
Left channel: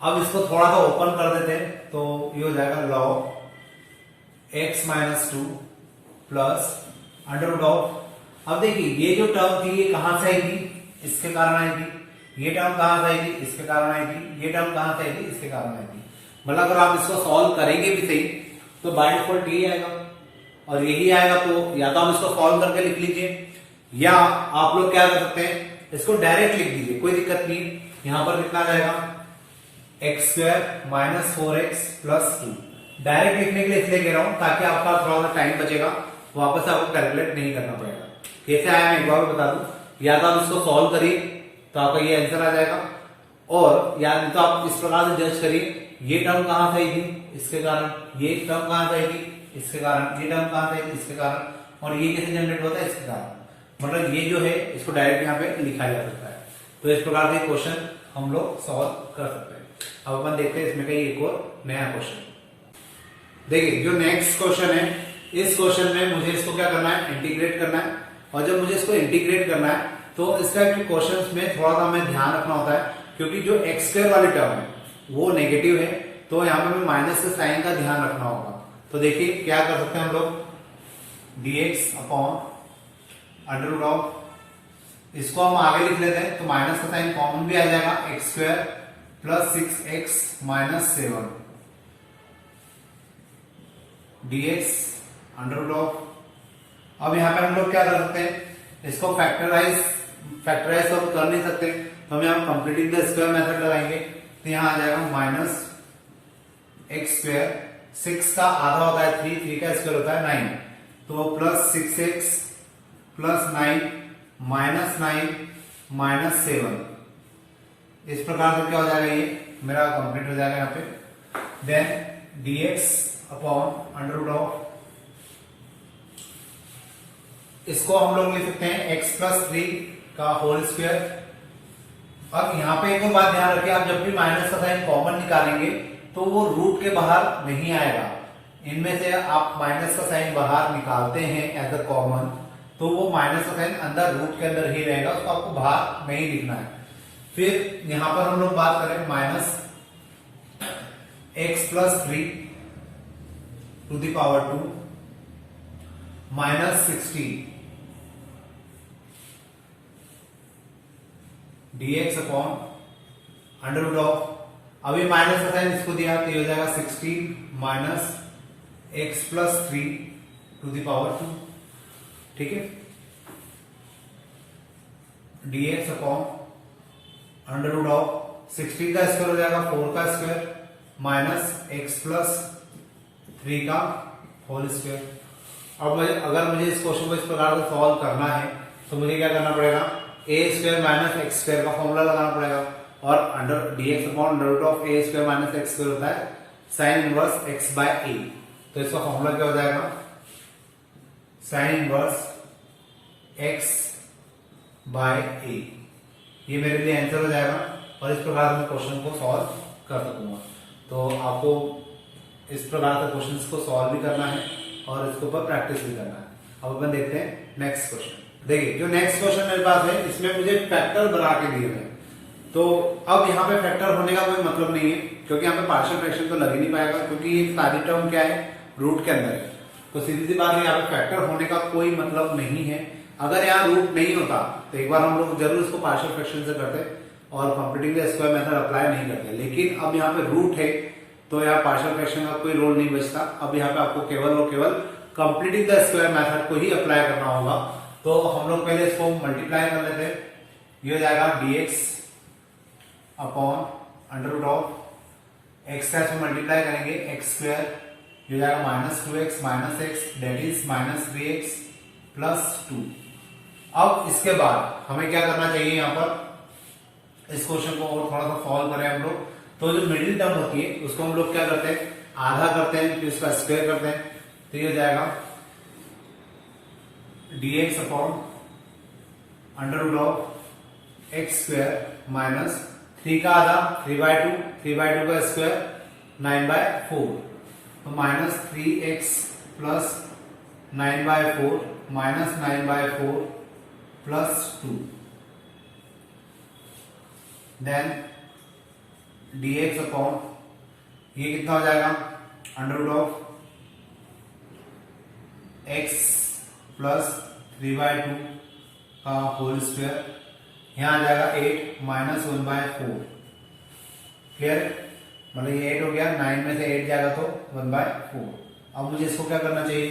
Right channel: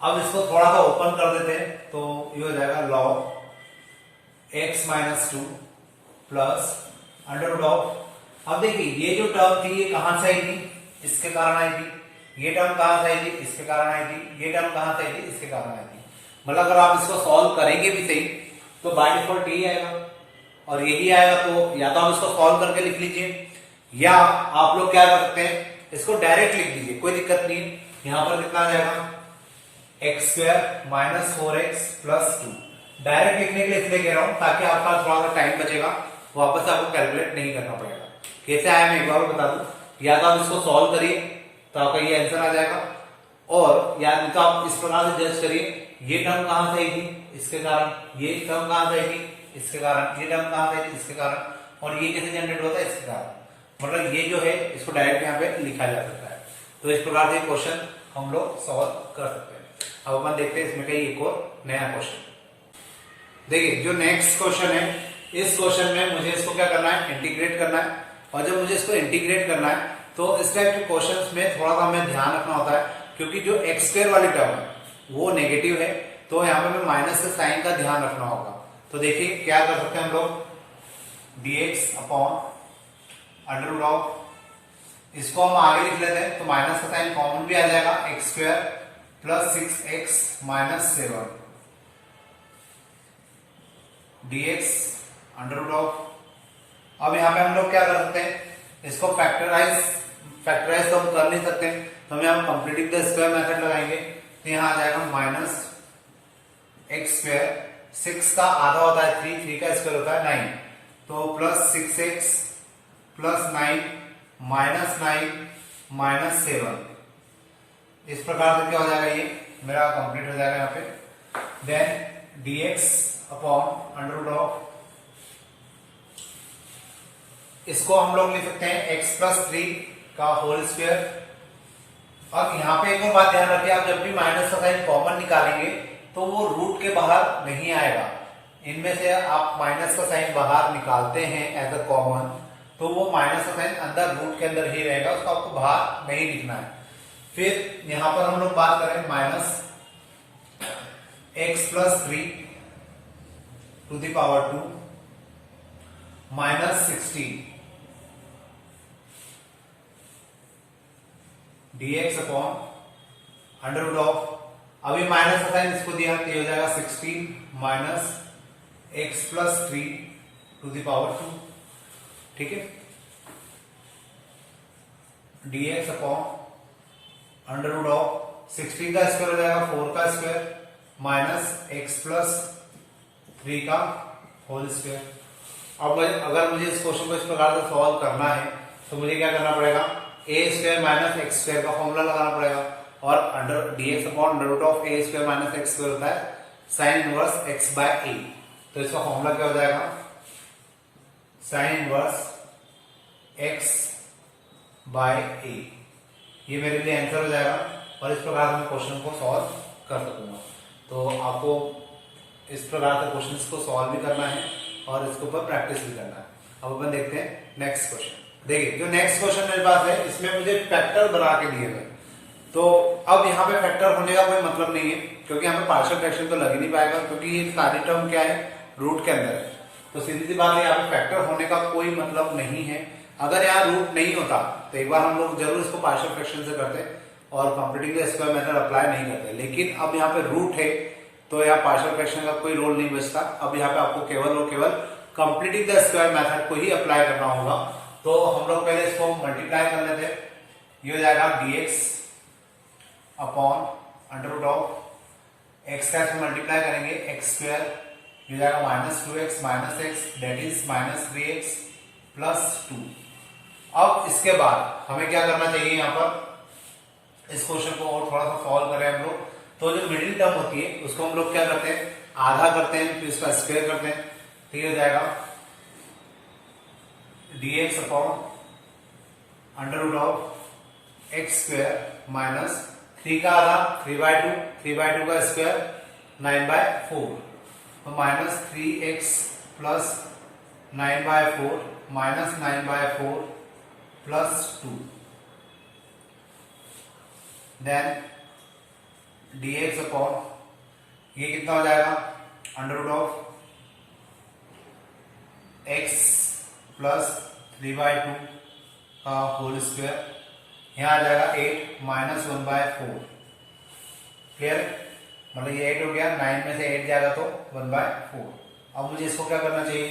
अब इसको थोड़ा सा ओपन कर देते हैं, तो ये हो जाएगा log x minus 2 plus under root of, अब देखिए ये जो टर्म थी ये कहां से आई थी, इसके कारण आई थी। ये टर्म कहां से आई थी, इसके कारण आई थी। ये टर्म कहां से आई थी, इसके कारण आई थी। मतलब अगर आप इसको सॉल्व करेंगे भी सही तो बाय डिफॉल्ट यही आएगा, और यही आएगा। तो या तो आप इसको सॉल्व करके लिख लीजिए, या आप लोग क्या कर सकते हैं, इसको डायरेक्ट लिख दीजिए, कोई दिक्कत नहीं है। यहां पर कितना जाएगा, x square minus 4x plus 2। Direct लिखने के लिए इसलिए कह रहा हूं ताकि आपका थोड़ा सा टाइम बचेगा, वापस से आपको कैलकुलेट नहीं करना पड़ेगा। कैसे आया मैं एक बार बता दूं, या तो आप इसको सॉल्व करिए तो आपका ये आंसर आ जाएगा, और या नहीं तो आप इस प्रकार से जज करिए, ये टर्म कहां से आई थी, इसके कारण। ये टर्म कहां से आई थी, इसके कारण। ये टर्म कहां से आई थी, इसके कारण। और ये कैसे जनरेट होता है, इसके कारण। मतलब ये जो है इसको डायरेक्ट यहाँ पे लिखा जा सकता है। तो इस प्रकार से क्वेश्चन हम लोग सॉल्व कर सकते हैं। अब अपन देखते हैं इसमें कहीं एक और नया क्वेश्चन। देखिए जो नेक्स्ट क्वेश्चन है, इस क्वेश्चन में मुझे इसको क्या करना है, इंटीग्रेट करना है। और जब मुझे इसको इंटीग्रेट करना है तो इस टाइप के क्वेश्चंस में थोड़ा सा हमें ध्यान रखना होता है, क्योंकि जो एक्स स्क्वायर वाली टर्म है वो नेगेटिव है, तो यहाँ पर हमें माइनस के साइन का ध्यान रखना होगा। तो देखिए क्या कर सकते हैं हम लोग, dx upon under root of, इसको हम आगे लिख लेते हैं तो माइनस का साइन कॉमन भी आ जाएगा, x square plus 6x minus 7 dx under root of. अब यहाँ पे हम लोग क्या कर सकते हैं, इसको फैक्टराइज तो हम कर नहीं सकते, तो हम यहाँ कंप्लीटिंग द स्क्वायर मेथड लगाएंगे। तो यहाँ आ जाएगा माइनस एक्स स्क्वायर, 6 का आधा होता है 3, 3 का स्क्वायर होता है 9, तो plus 6x plus 9 minus 9 minus 7। इस प्रकार से क्या हो जाएगा, ये मेरा कंप्लीट हो जाएगा यहाँ पे। Then dx upon under root of, इसको हम लोग लिख सकते हैं x प्लस 3 का होल स्क्वायर। अब यहाँ पे एक और बात ध्यान रखिए, आप जब भी माइनस का साइन कॉमन निकालेंगे तो वो रूट के बाहर नहीं आएगा। इनमें से आप माइनस का साइन बाहर निकालते हैं एज अ कॉमन, तो वो माइनस का साइन अंदर रूट के अंदर ही रहेगा, उसको आपको बाहर नहीं लिखना है। फिर यहां पर हम लोग बात करें minus x plus 3 to the power 2 minus 16 dx upon under root of, अभी माइनस का साइन इसको दिया तो ये हो जाएगा 16 minus x plus 3 to the power 2, ठीक है, dx upon under root of 16 का स्क्वायर हो जाएगा 4 का स्क्वायर माइनस x प्लस 3 का होल स्क्वायर। अब अगर मुझे इस क्वेश्चन को इस प्रकार से सॉल्व करना है तो मुझे क्या करना पड़ेगा, a square minus x square का फॉर्मूला लगाना पड़ेगा, और under dx upon under root of a square minus x square होता है sine inverse x by a. तो इसका फॉर्मूला क्या हो जाएगा, sine inverse x by a. ये मेरे लिए आंसर हो जाएगा और इस प्रकार से मैं क्वेश्चन को सॉल्व कर सकूंगा। तो आपको इस प्रकार से क्वेश्चंस को सॉल्व भी करना है और इसके ऊपर प्रैक्टिस भी करना है। अब अपन देखते हैं नेक्स्ट क्वेश्चन। देखिए जो नेक्स्ट क्वेश्चन मेरे पास है इसमें मुझे फैक्टर बना के दिए गए, तो अब यहाँ पे फैक्टर होने का कोई मतलब नहीं है क्योंकि यहाँ पे पार्शियल फ्रैक्शन तो लग ही नहीं पाएगा क्योंकि ये सारी टर्म क्या है, रूट के अंदर है। तो सीधी सी बात है यहाँ पे फैक्टर होने का कोई मतलब नहीं है। अगर यहाँ रूट नहीं होता तो एक बार हम लोग जरूर इसको पार्शियल फ्रैक्शन से करते और completing the square method apply नहीं करते, लेकिन अब यहाँ पे रूट है तो यहाँ पार्शियल फ्रैक्शन का कोई रोल नहीं बचता। अब यहाँ पे आपको केवल और केवल कंप्लीटिंग द स्क्वायर मेथड को ही अप्लाई करना होगा। तो हम लोग पहले इसको मल्टीप्लाई कर लेते हैं, ये हो जाएगा dx upon under root of x का इसको मल्टीप्लाई करेंगे एक्स स्क्वायर, ये हो जाएगा minus 2x minus x that is minus 3x plus 2। अब इसके बाद हमें क्या करना चाहिए, यहाँ पर इस क्वेश्चन को और थोड़ा सा सॉल्व करें हम लोग। तो जो मिडिल टर्म होती है उसको हम लोग क्या करते हैं, आधा करते हैं, तो इसका स्क्वायर करते हैं, तो ये हो जाएगा dx upon under root of x square minus 3 का आधा 3/2, 3/2 का स्क्वायर 9/4, तो minus 3x plus 9/4 minus 9/4 plus 2, then dx upon ये कितना हो जाएगा, under root of x plus 3/2 का होल स्क्वायर, यहाँ आ जाएगा 8 माइनस 1/4, क्लियर, मतलब ये 8 हो गया, 9 में से 8 जाएगा तो 1/4। अब मुझे इसको क्या करना चाहिए,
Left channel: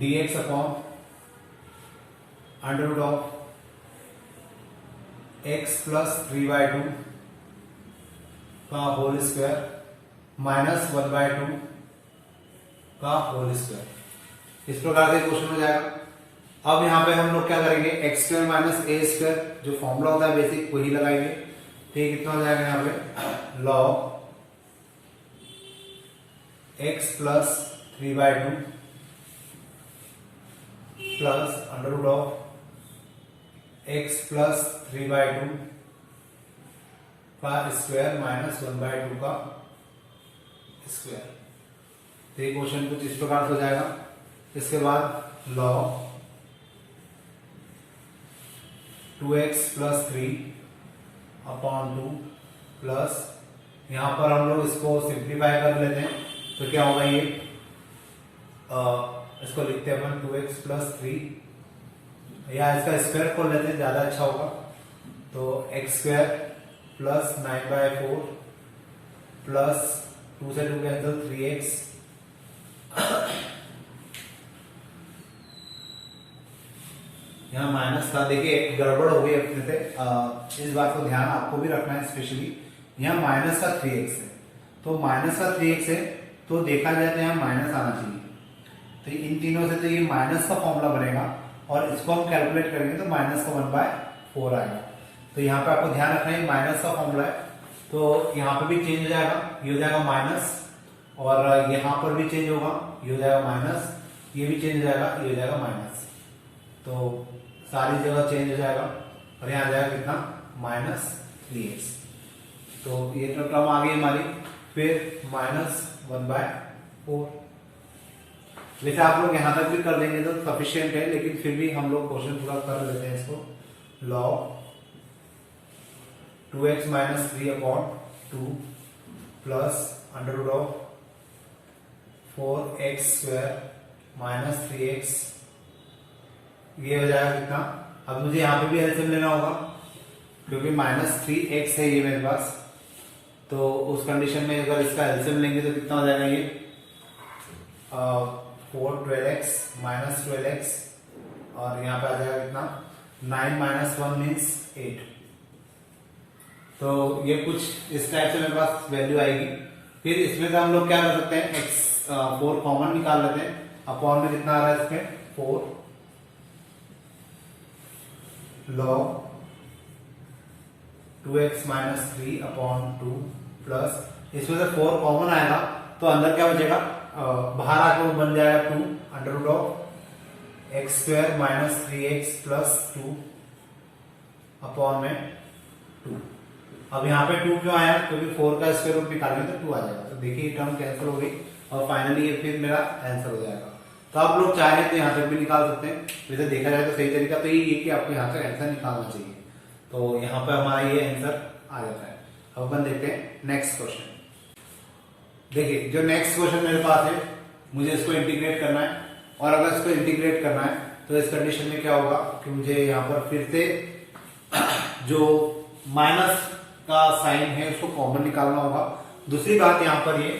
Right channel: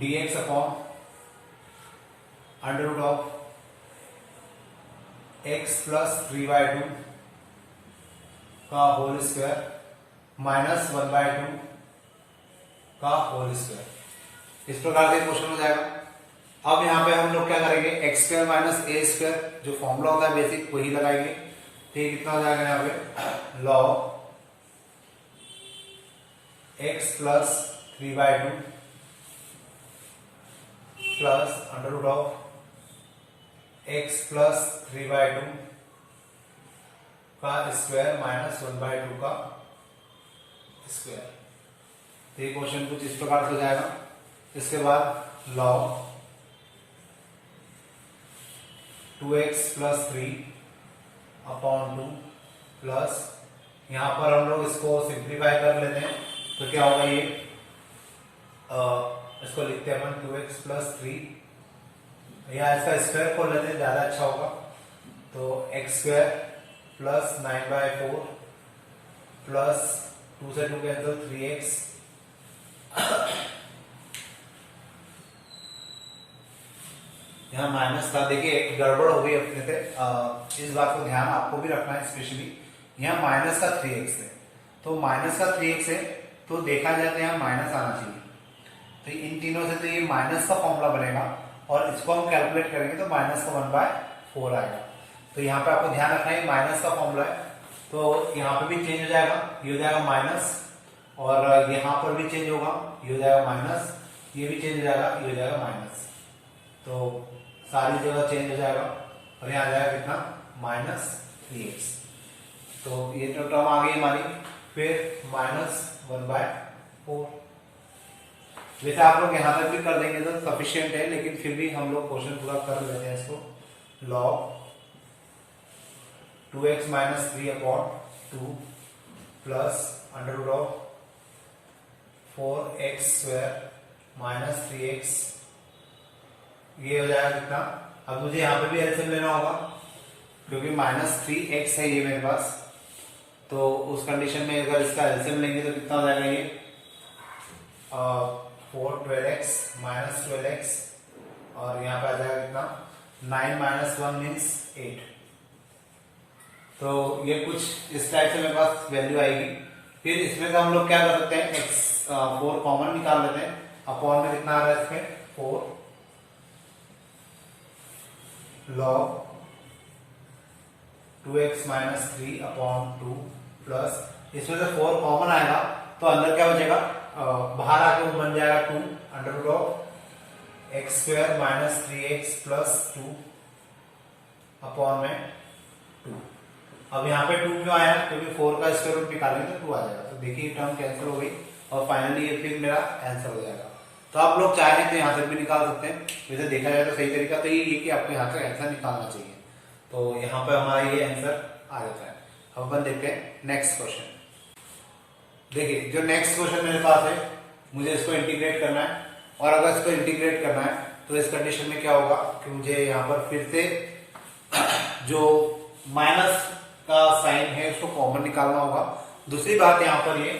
dx upon under root of x plus 3/2 का होल स्क्वायर माइनस 1/2 का होल स्क्वायर। इस प्रकार से क्वेश्चन हो जाएगा। अब यहाँ पे हम लोग क्या करेंगे, एक्स स्क्वायर माइनस ए स्क्वायर जो फॉर्मूला होता है बेसिक वही लगाएंगे। तो ये कितना हो जाएगा यहाँ पे, log x plus 3/2 plus under root of x plus 3/2 का स्क्वायर माइनस 1/2 का स्क्वायर। तो ये क्वेश्चन कुछ इस प्रकार से हो जाएगा। इसके बाद log 2x plus 3 upon 2 plus, यहां पर हम लोग इसको सिंप्लीफाई कर लेते हैं तो क्या होगा, ये इसको लिखते हैं अपन 2x प्लस 3, यहाँ इसका स्क्वायर खोल लेते हैं ज्यादा अच्छा होगा, तो x स्क्वायर प्लस 9/4 प्लस 2 से 2 कैंसिल 3x यहाँ माइनस था, देखिए गड़बड़ हो गई अपने से, इस बात को ध्यान आपको भी रखना है स्पेशली। यहाँ माइनस का 3x है, तो माइनस का 3x है तो देखा जाए तो यहाँ माइनस आना चाहिए, तो इन तीनों से तो ये माइनस का फॉर्मूला बनेगा और इसको हम कैलकुलेट करेंगे तो माइनस का 1/4 आएगा। तो यहाँ पे आपको ध्यान रखना है माइनस का फॉर्मूला है, तो यहाँ पे भी चेंज हो जाएगा, ये हो जाएगा माइनस, और यहाँ पर भी चेंज होगा, ये हो जाएगा माइनस, ये भी चेंज हो जाएगा, ये हो जाएगा माइनस। तो सारी जगह चेंज हो जाएगा और यहाँ आ जाएगा कितना, -3x। तो ये तो टर्म आ गई हमारी। फिर -1/4। वैसे आप लोग यहां तक भी कर देंगे तो सफिशिएंट है, लेकिन फिर भी हम लोग क्वेश्चन पूरा कर लेते हैं इसको। log 2x - 3/2 plus √4x² - 3x, ये हो जाएगा कितना। अब मुझे यहाँ पे भी एलसीएम लेना होगा क्योंकि -3x है ये मेरे पास, तो उस कंडीशन में अगर इसका एलसीएम लेंगे तो कितना हो जाएगा ये 4 12x - 12x, और यहाँ पे आ जाएगा कितना 9 - 1 मीन्स 8। तो ये कुछ इस टाइप से मेरे पास वैल्यू आएगी। फिर इसमें से हम लोग क्या कर सकते हैं, x4 कॉमन निकाल लेते हैं। अपॉन में कितना आ रहा है इसके 4 log 2x - 3/2 प्लस, इसमें से 4 कॉमन आएगा तो अंदर क्या बचेगा, बाहर आके बन जाएगा 2 √x² - 3x प्लस 2 अपॉन में 2। अब यहाँ पे 2 क्यों आया, क्योंकि 4 का स्क्वायर रूट निकालेंगे तो 2 आ जाएगा। तो देखिए टर्म कैंसिल हो गई और फाइनली ये फिर मेरा आंसर हो जाएगा। तो आप लोग चाहें तो यहाँ तक भी निकाल सकते हैं। वैसे देखा जाए तो सही तरीका तो ये कि आपको यहाँ का आंसर निकालना चाहिए। तो यहाँ पर हमारा ये आंसर आ जाता है। अब अपन देखते हैं नेक्स्ट क्वेश्चन। देखिए जो नेक्स्ट क्वेश्चन मेरे पास है, मुझे इसको इंटीग्रेट करना है, और अगर इसको इंटीग्रेट करना है तो इस कंडीशन में क्या होगा कि मुझे यहाँ पर फिर से जो माइनस का साइन है उसको कॉमन निकालना होगा। दूसरी बात यहाँ पर ये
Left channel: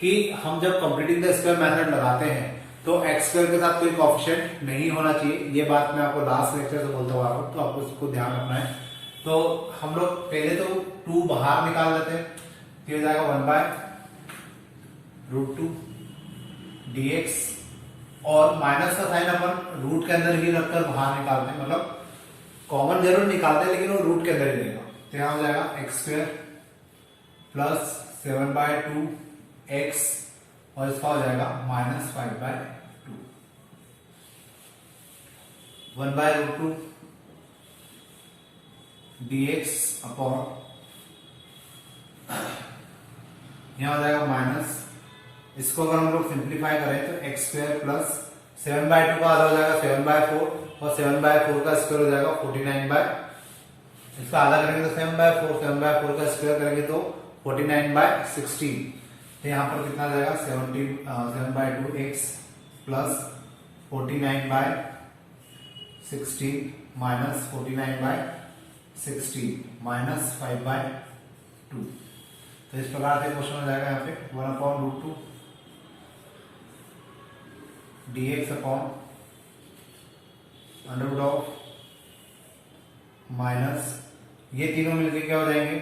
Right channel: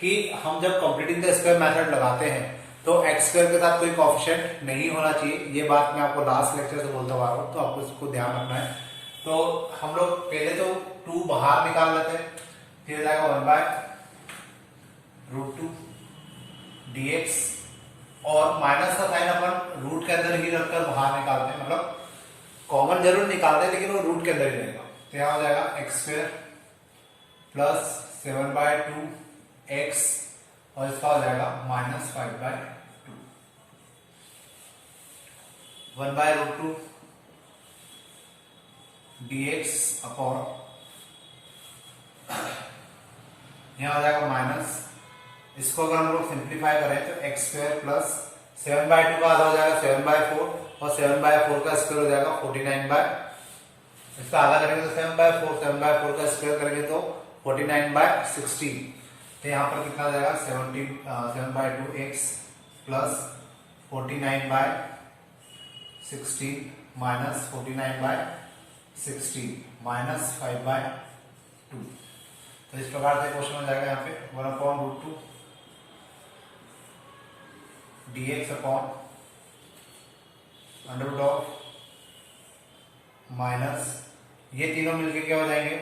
कि हम जब कंप्लीटिंग द स्क्वायर मेथड लगाते हैं तो x² के साथ कोई कोएफिशिएंट नहीं होना चाहिए। ये बात मैं आपको लास्ट लेक्चर से बोलता हुआ हूँ, तो आपको इसको ध्यान रखना है। तो हम लोग पहले तो 2 बाहर निकाल लेते हैं, फिर हो जाएगा 1/√2 dx, और माइनस का साइन अपन रूट के अंदर ही रखकर बाहर निकालते हैं, मतलब कॉमन जरूर निकालते हैं लेकिन वो रूट के अंदर ही रहेगा। तो यहाँ हो जाएगा x² प्लस 7/2x, और इसका हो जाएगा -5/2 1/√2 dx अपॉन, यहां आ जाएगा माइनस, इसको अगर हम लोग सिंप्लीफाई करें तो x² प्लस 7/2 का आधा हो जाएगा 7/4, और 7/4 का स्क्वायर हो जाएगा 49/, इसका आधा करेंगे तो 7/4, 7/4 का स्क्वायर करेंगे तो 49/16। तो यहाँ पर कितना आ जाएगा 7/2x प्लस 49/16 माइनस 49/16 माइनस 5/2। तो इस प्रकार से क्वेश्चन हो जाएगा यहाँ पे 1/√2 dx अपॉन √ माइनस, ये तीनों मिलकर क्या हो जाएंगे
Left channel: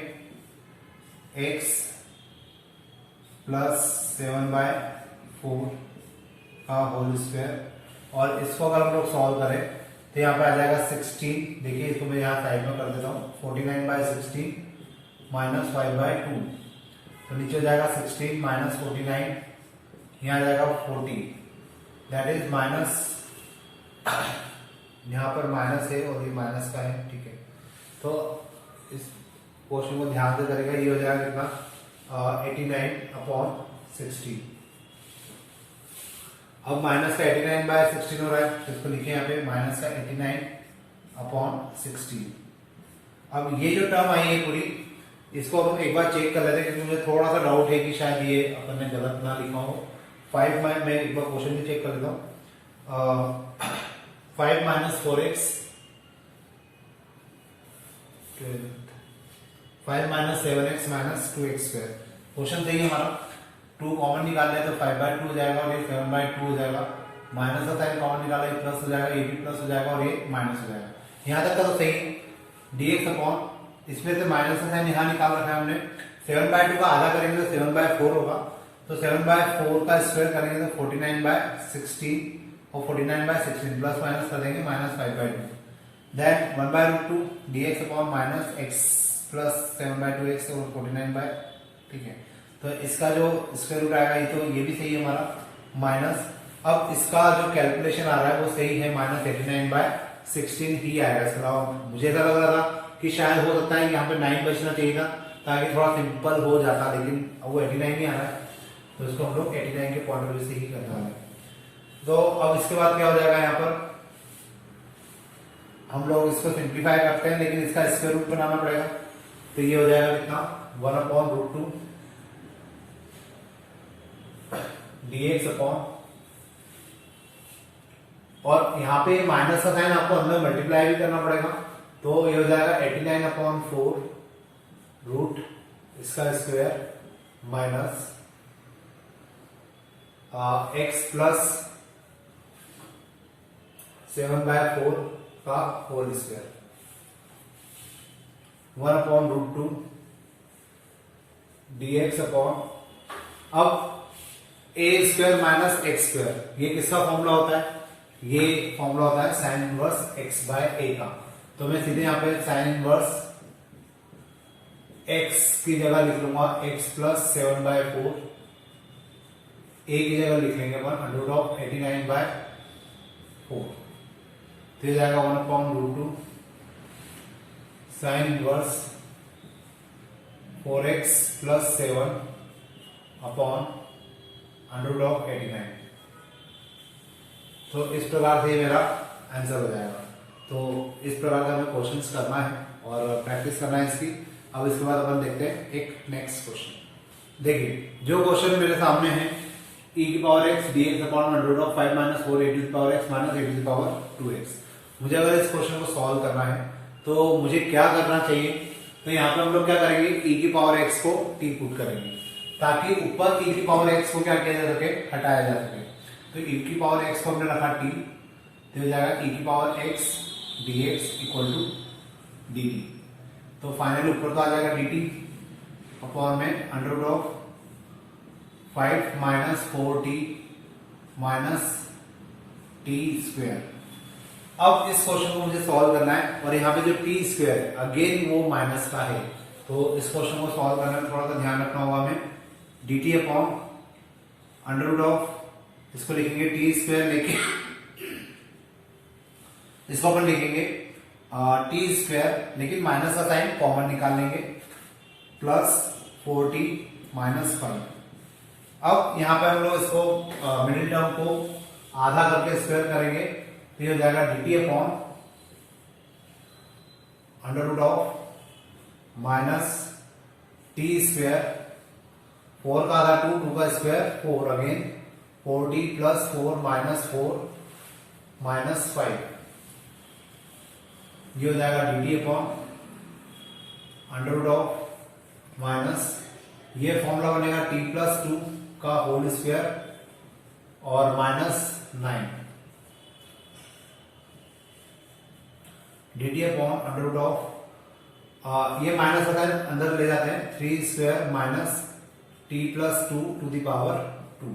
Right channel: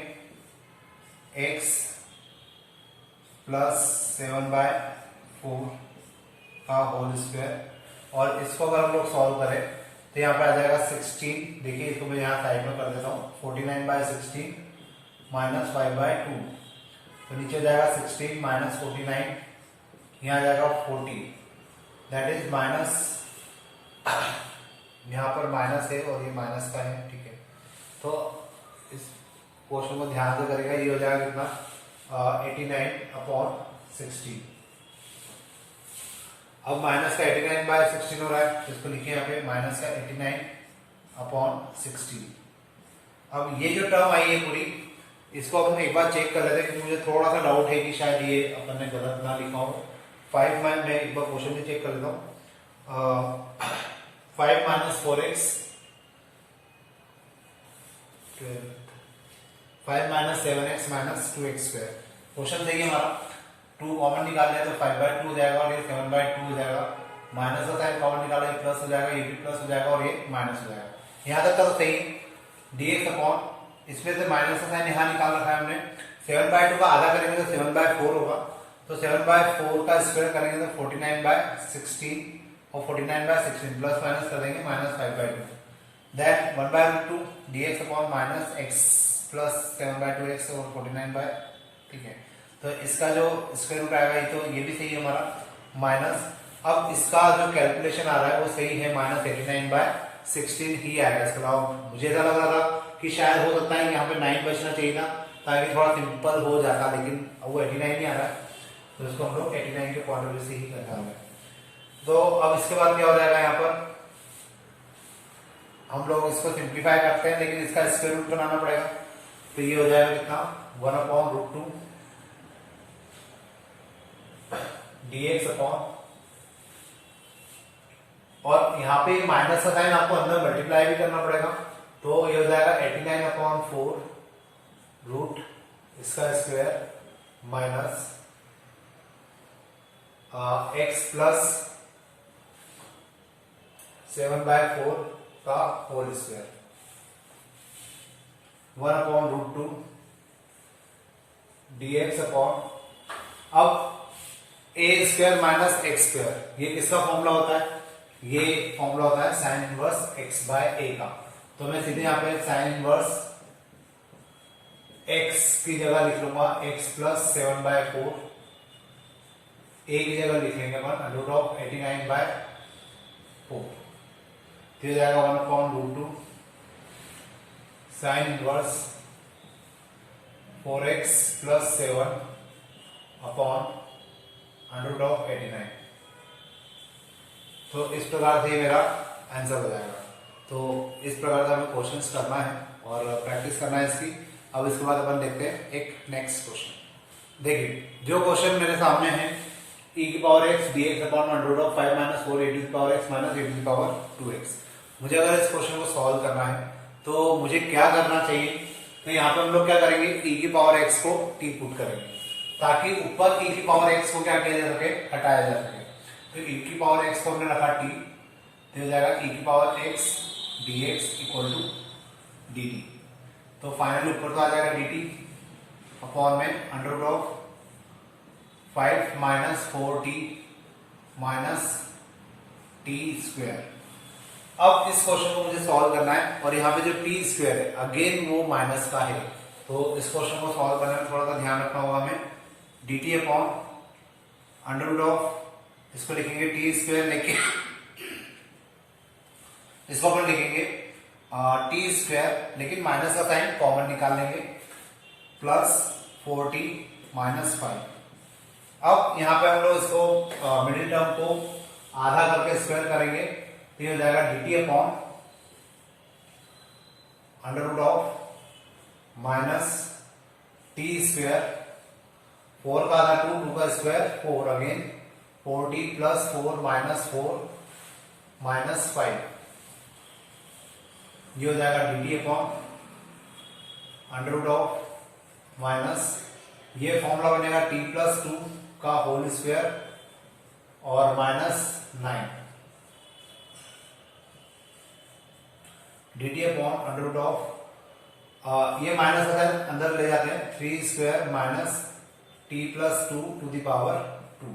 x प्लस 7/4 का होल स्क्वायर, और इसको अगर हम लोग सॉल्व करें तो यहाँ पे आ जाएगा 16। देखिए इसको मैं यहाँ साइड में कर देता हूँ, 49/16 माइनस 5/2, तो नीचे हो जाएगा 16 माइनस 49, यहाँ आ जाएगा 40, दैट इज माइनस, यहाँ पर माइनस है और ये माइनस का है, ठीक है। तो इस क्वेश्चन को ध्यान से करेगा, ये हो जाएगा कितना 89/16। अब माइनस का 89/16 हो रहा है, इसको लिखिए यहाँ पे माइनस का 89/16। अब ये जो टर्म आई है पूरी, इसको अपन एक बार चेक कर लेते हैं क्योंकि मुझे थोड़ा सा डाउट है कि शायद ये अपन ने गलत ना लिखा हो। 5 में मैं एक बार क्वेश्चन भी चेक कर लेता हूँ। 5 - 4x 5 - 7x - 2x²। क्वेश्चन सही है हमारा, 2 कॉमन निकाल लिया तो 5/2 हो जाएगा और ये 7/2 हो जाएगा, माइनस का साइन कॉमन निकाला ये प्लस हो जाएगा, ये भी प्लस हो जाएगा और ये माइनस हो जाएगा। यहाँ तक का तो सही। dx अपॉन, इसमें से माइनस का साइन यहाँ निकाल रखा है हमने, 7/2 का आधा करेंगे तो 7/4 होगा, तो 7/4 का स्क्वायर करेंगे तो 49/16, और 49/16 प्लस माइनस कर देंगे minus 5/2, then 1/√2 dx upon minus x plus 7/2x और 49 ठीक है। तो इसका जो स्क्वायर रूट आएगा, ये तो ये भी सही है हमारा, माइनस, अब इसका जो कैलकुलेशन आ रहा है वो सही है, -89/16 ही आएगा। इसके अलावा मुझे ऐसा लग रहा था कि शायद हो सकता है यहाँ पे 9 बचना चाहिए था ताकि थोड़ा सिंपल हो जाता, लेकिन वो 89 ही आ रहा है, तो इसको हम लोग 89 के पॉइंट ऑफ व्यू से ही करने वाले हैं। तो अब इसके बाद क्या हो जाएगा, यहाँ पर हम लोग इसको सिंप्लीफाई करते हैं, लेकिन इसका स्क्वायर रूट बनाना पड़ेगा। तो ये हो जाएगा कितना, 1/√2 dx अपॉन, और यहाँ पे माइनस का साइन आपको अंदर मल्टीप्लाई भी करना पड़ेगा, तो ये हो जाएगा 89/4 रूट इसका स्क्वायर माइनस x प्लस 7/4 का होल स्क्वायर 1/√2 dx अपॉन, अब a square minus x square, ये किसका फॉर्मूला होता है, ये फॉर्मूला होता है साइन इनवर्स x/a का। तो मैं सीधे यहाँ पे साइन इनवर्स x की जगह लिख लूंगा x प्लस 7/4, a की जगह लिख लेंगे अपन √89/4, तो ये जाएगा 1/√2 sine inverse 4x plus 7 upon √89। तो इस प्रकार से मेरा आंसर हो जाएगा। तो इस प्रकार से हमें क्वेश्चंस करना है और प्रैक्टिस करना है इसकी। अब इसके बाद अपन देखते हैं एक नेक्स्ट क्वेश्चन। देखिए जो क्वेश्चन मेरे सामने है, e⁻x dx upon √5 - 4 a⁻x - a⁻2x। मुझे अगर इस क्वेश्चन को सॉल्व करना है तो मुझे क्या करना चाहिए, तो यहाँ पे हम लोग क्या करेंगे, e⁻x को t पुट करेंगे ताकि ऊपर e⁻x को क्या किया जा सके, हटाया जा सके। तो e⁻x को हमने रखा t, तो हो जाएगा e⁻x dx equal to dt। तो फाइनली ऊपर तो आ जाएगा dt अपॉन में √5 - 4t माइनस t स्क्वायर। अब इस क्वेश्चन को मुझे सॉल्व करना है और यहाँ पे जो टी स्क्वायर है अगेन वो माइनस का है, तो इस क्वेश्चन को सॉल्व करने में थोड़ा सा ध्यान रखना होगा हमें। dt अपॉन √, इसको लिखेंगे टी स्क्वायर, लेकिन इसको अपन लिखेंगे टी स्क्वायर, लेकिन माइनस का साइन कॉमन निकाल लेंगे, प्लस 4t माइनस 5। अब यहाँ पे हम लोग इसको मिडिल टर्म को आधा करके स्क्वायर करेंगे, तो ये हो जाएगा dt upon √, minus t square, 4 का आधा 2, 2 का square 4, again 4t plus 4 minus 4 minus 5। ये हो जाएगा dt अपॉन √, माइनस ये फॉर्मूला बनेगा t प्लस 2 का होल स्क्वायर और माइनस 9 dt अपॉन √, ये माइनस अंदर ले जाते हैं, 3 square minus t plus 2 to the power 2।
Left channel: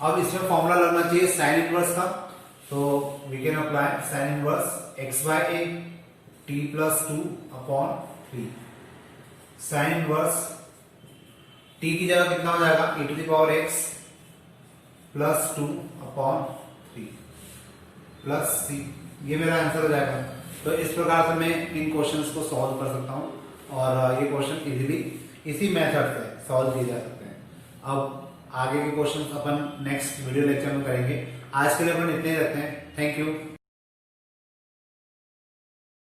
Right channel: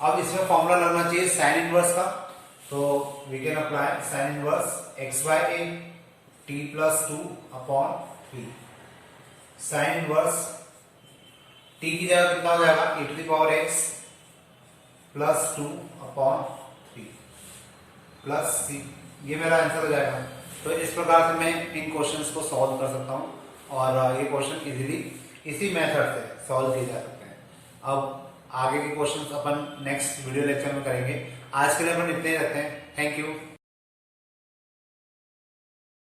अब इसमें फॉर्मूला लगना चाहिए साइन इनवर्स का, तो we can apply sine inverse x/a t plus 2 upon 3। Sine inverse t की जगह कितना हो जाएगा, e⁻x plus 2 upon 3 plus c। ये मेरा आंसर हो जाएगा। तो इस प्रकार से मैं इन क्वेश्चंस को सॉल्व कर सकता हूं और ये क्वेश्चन इजीली इसी मेथड से सॉल्व किए जा सकते हैं। अब आगे के क्वेश्चंस अपन नेक्स्ट वीडियो लेक्चर में करेंगे। आज के लिए अपन इतने ही रखते हैं। Thank you.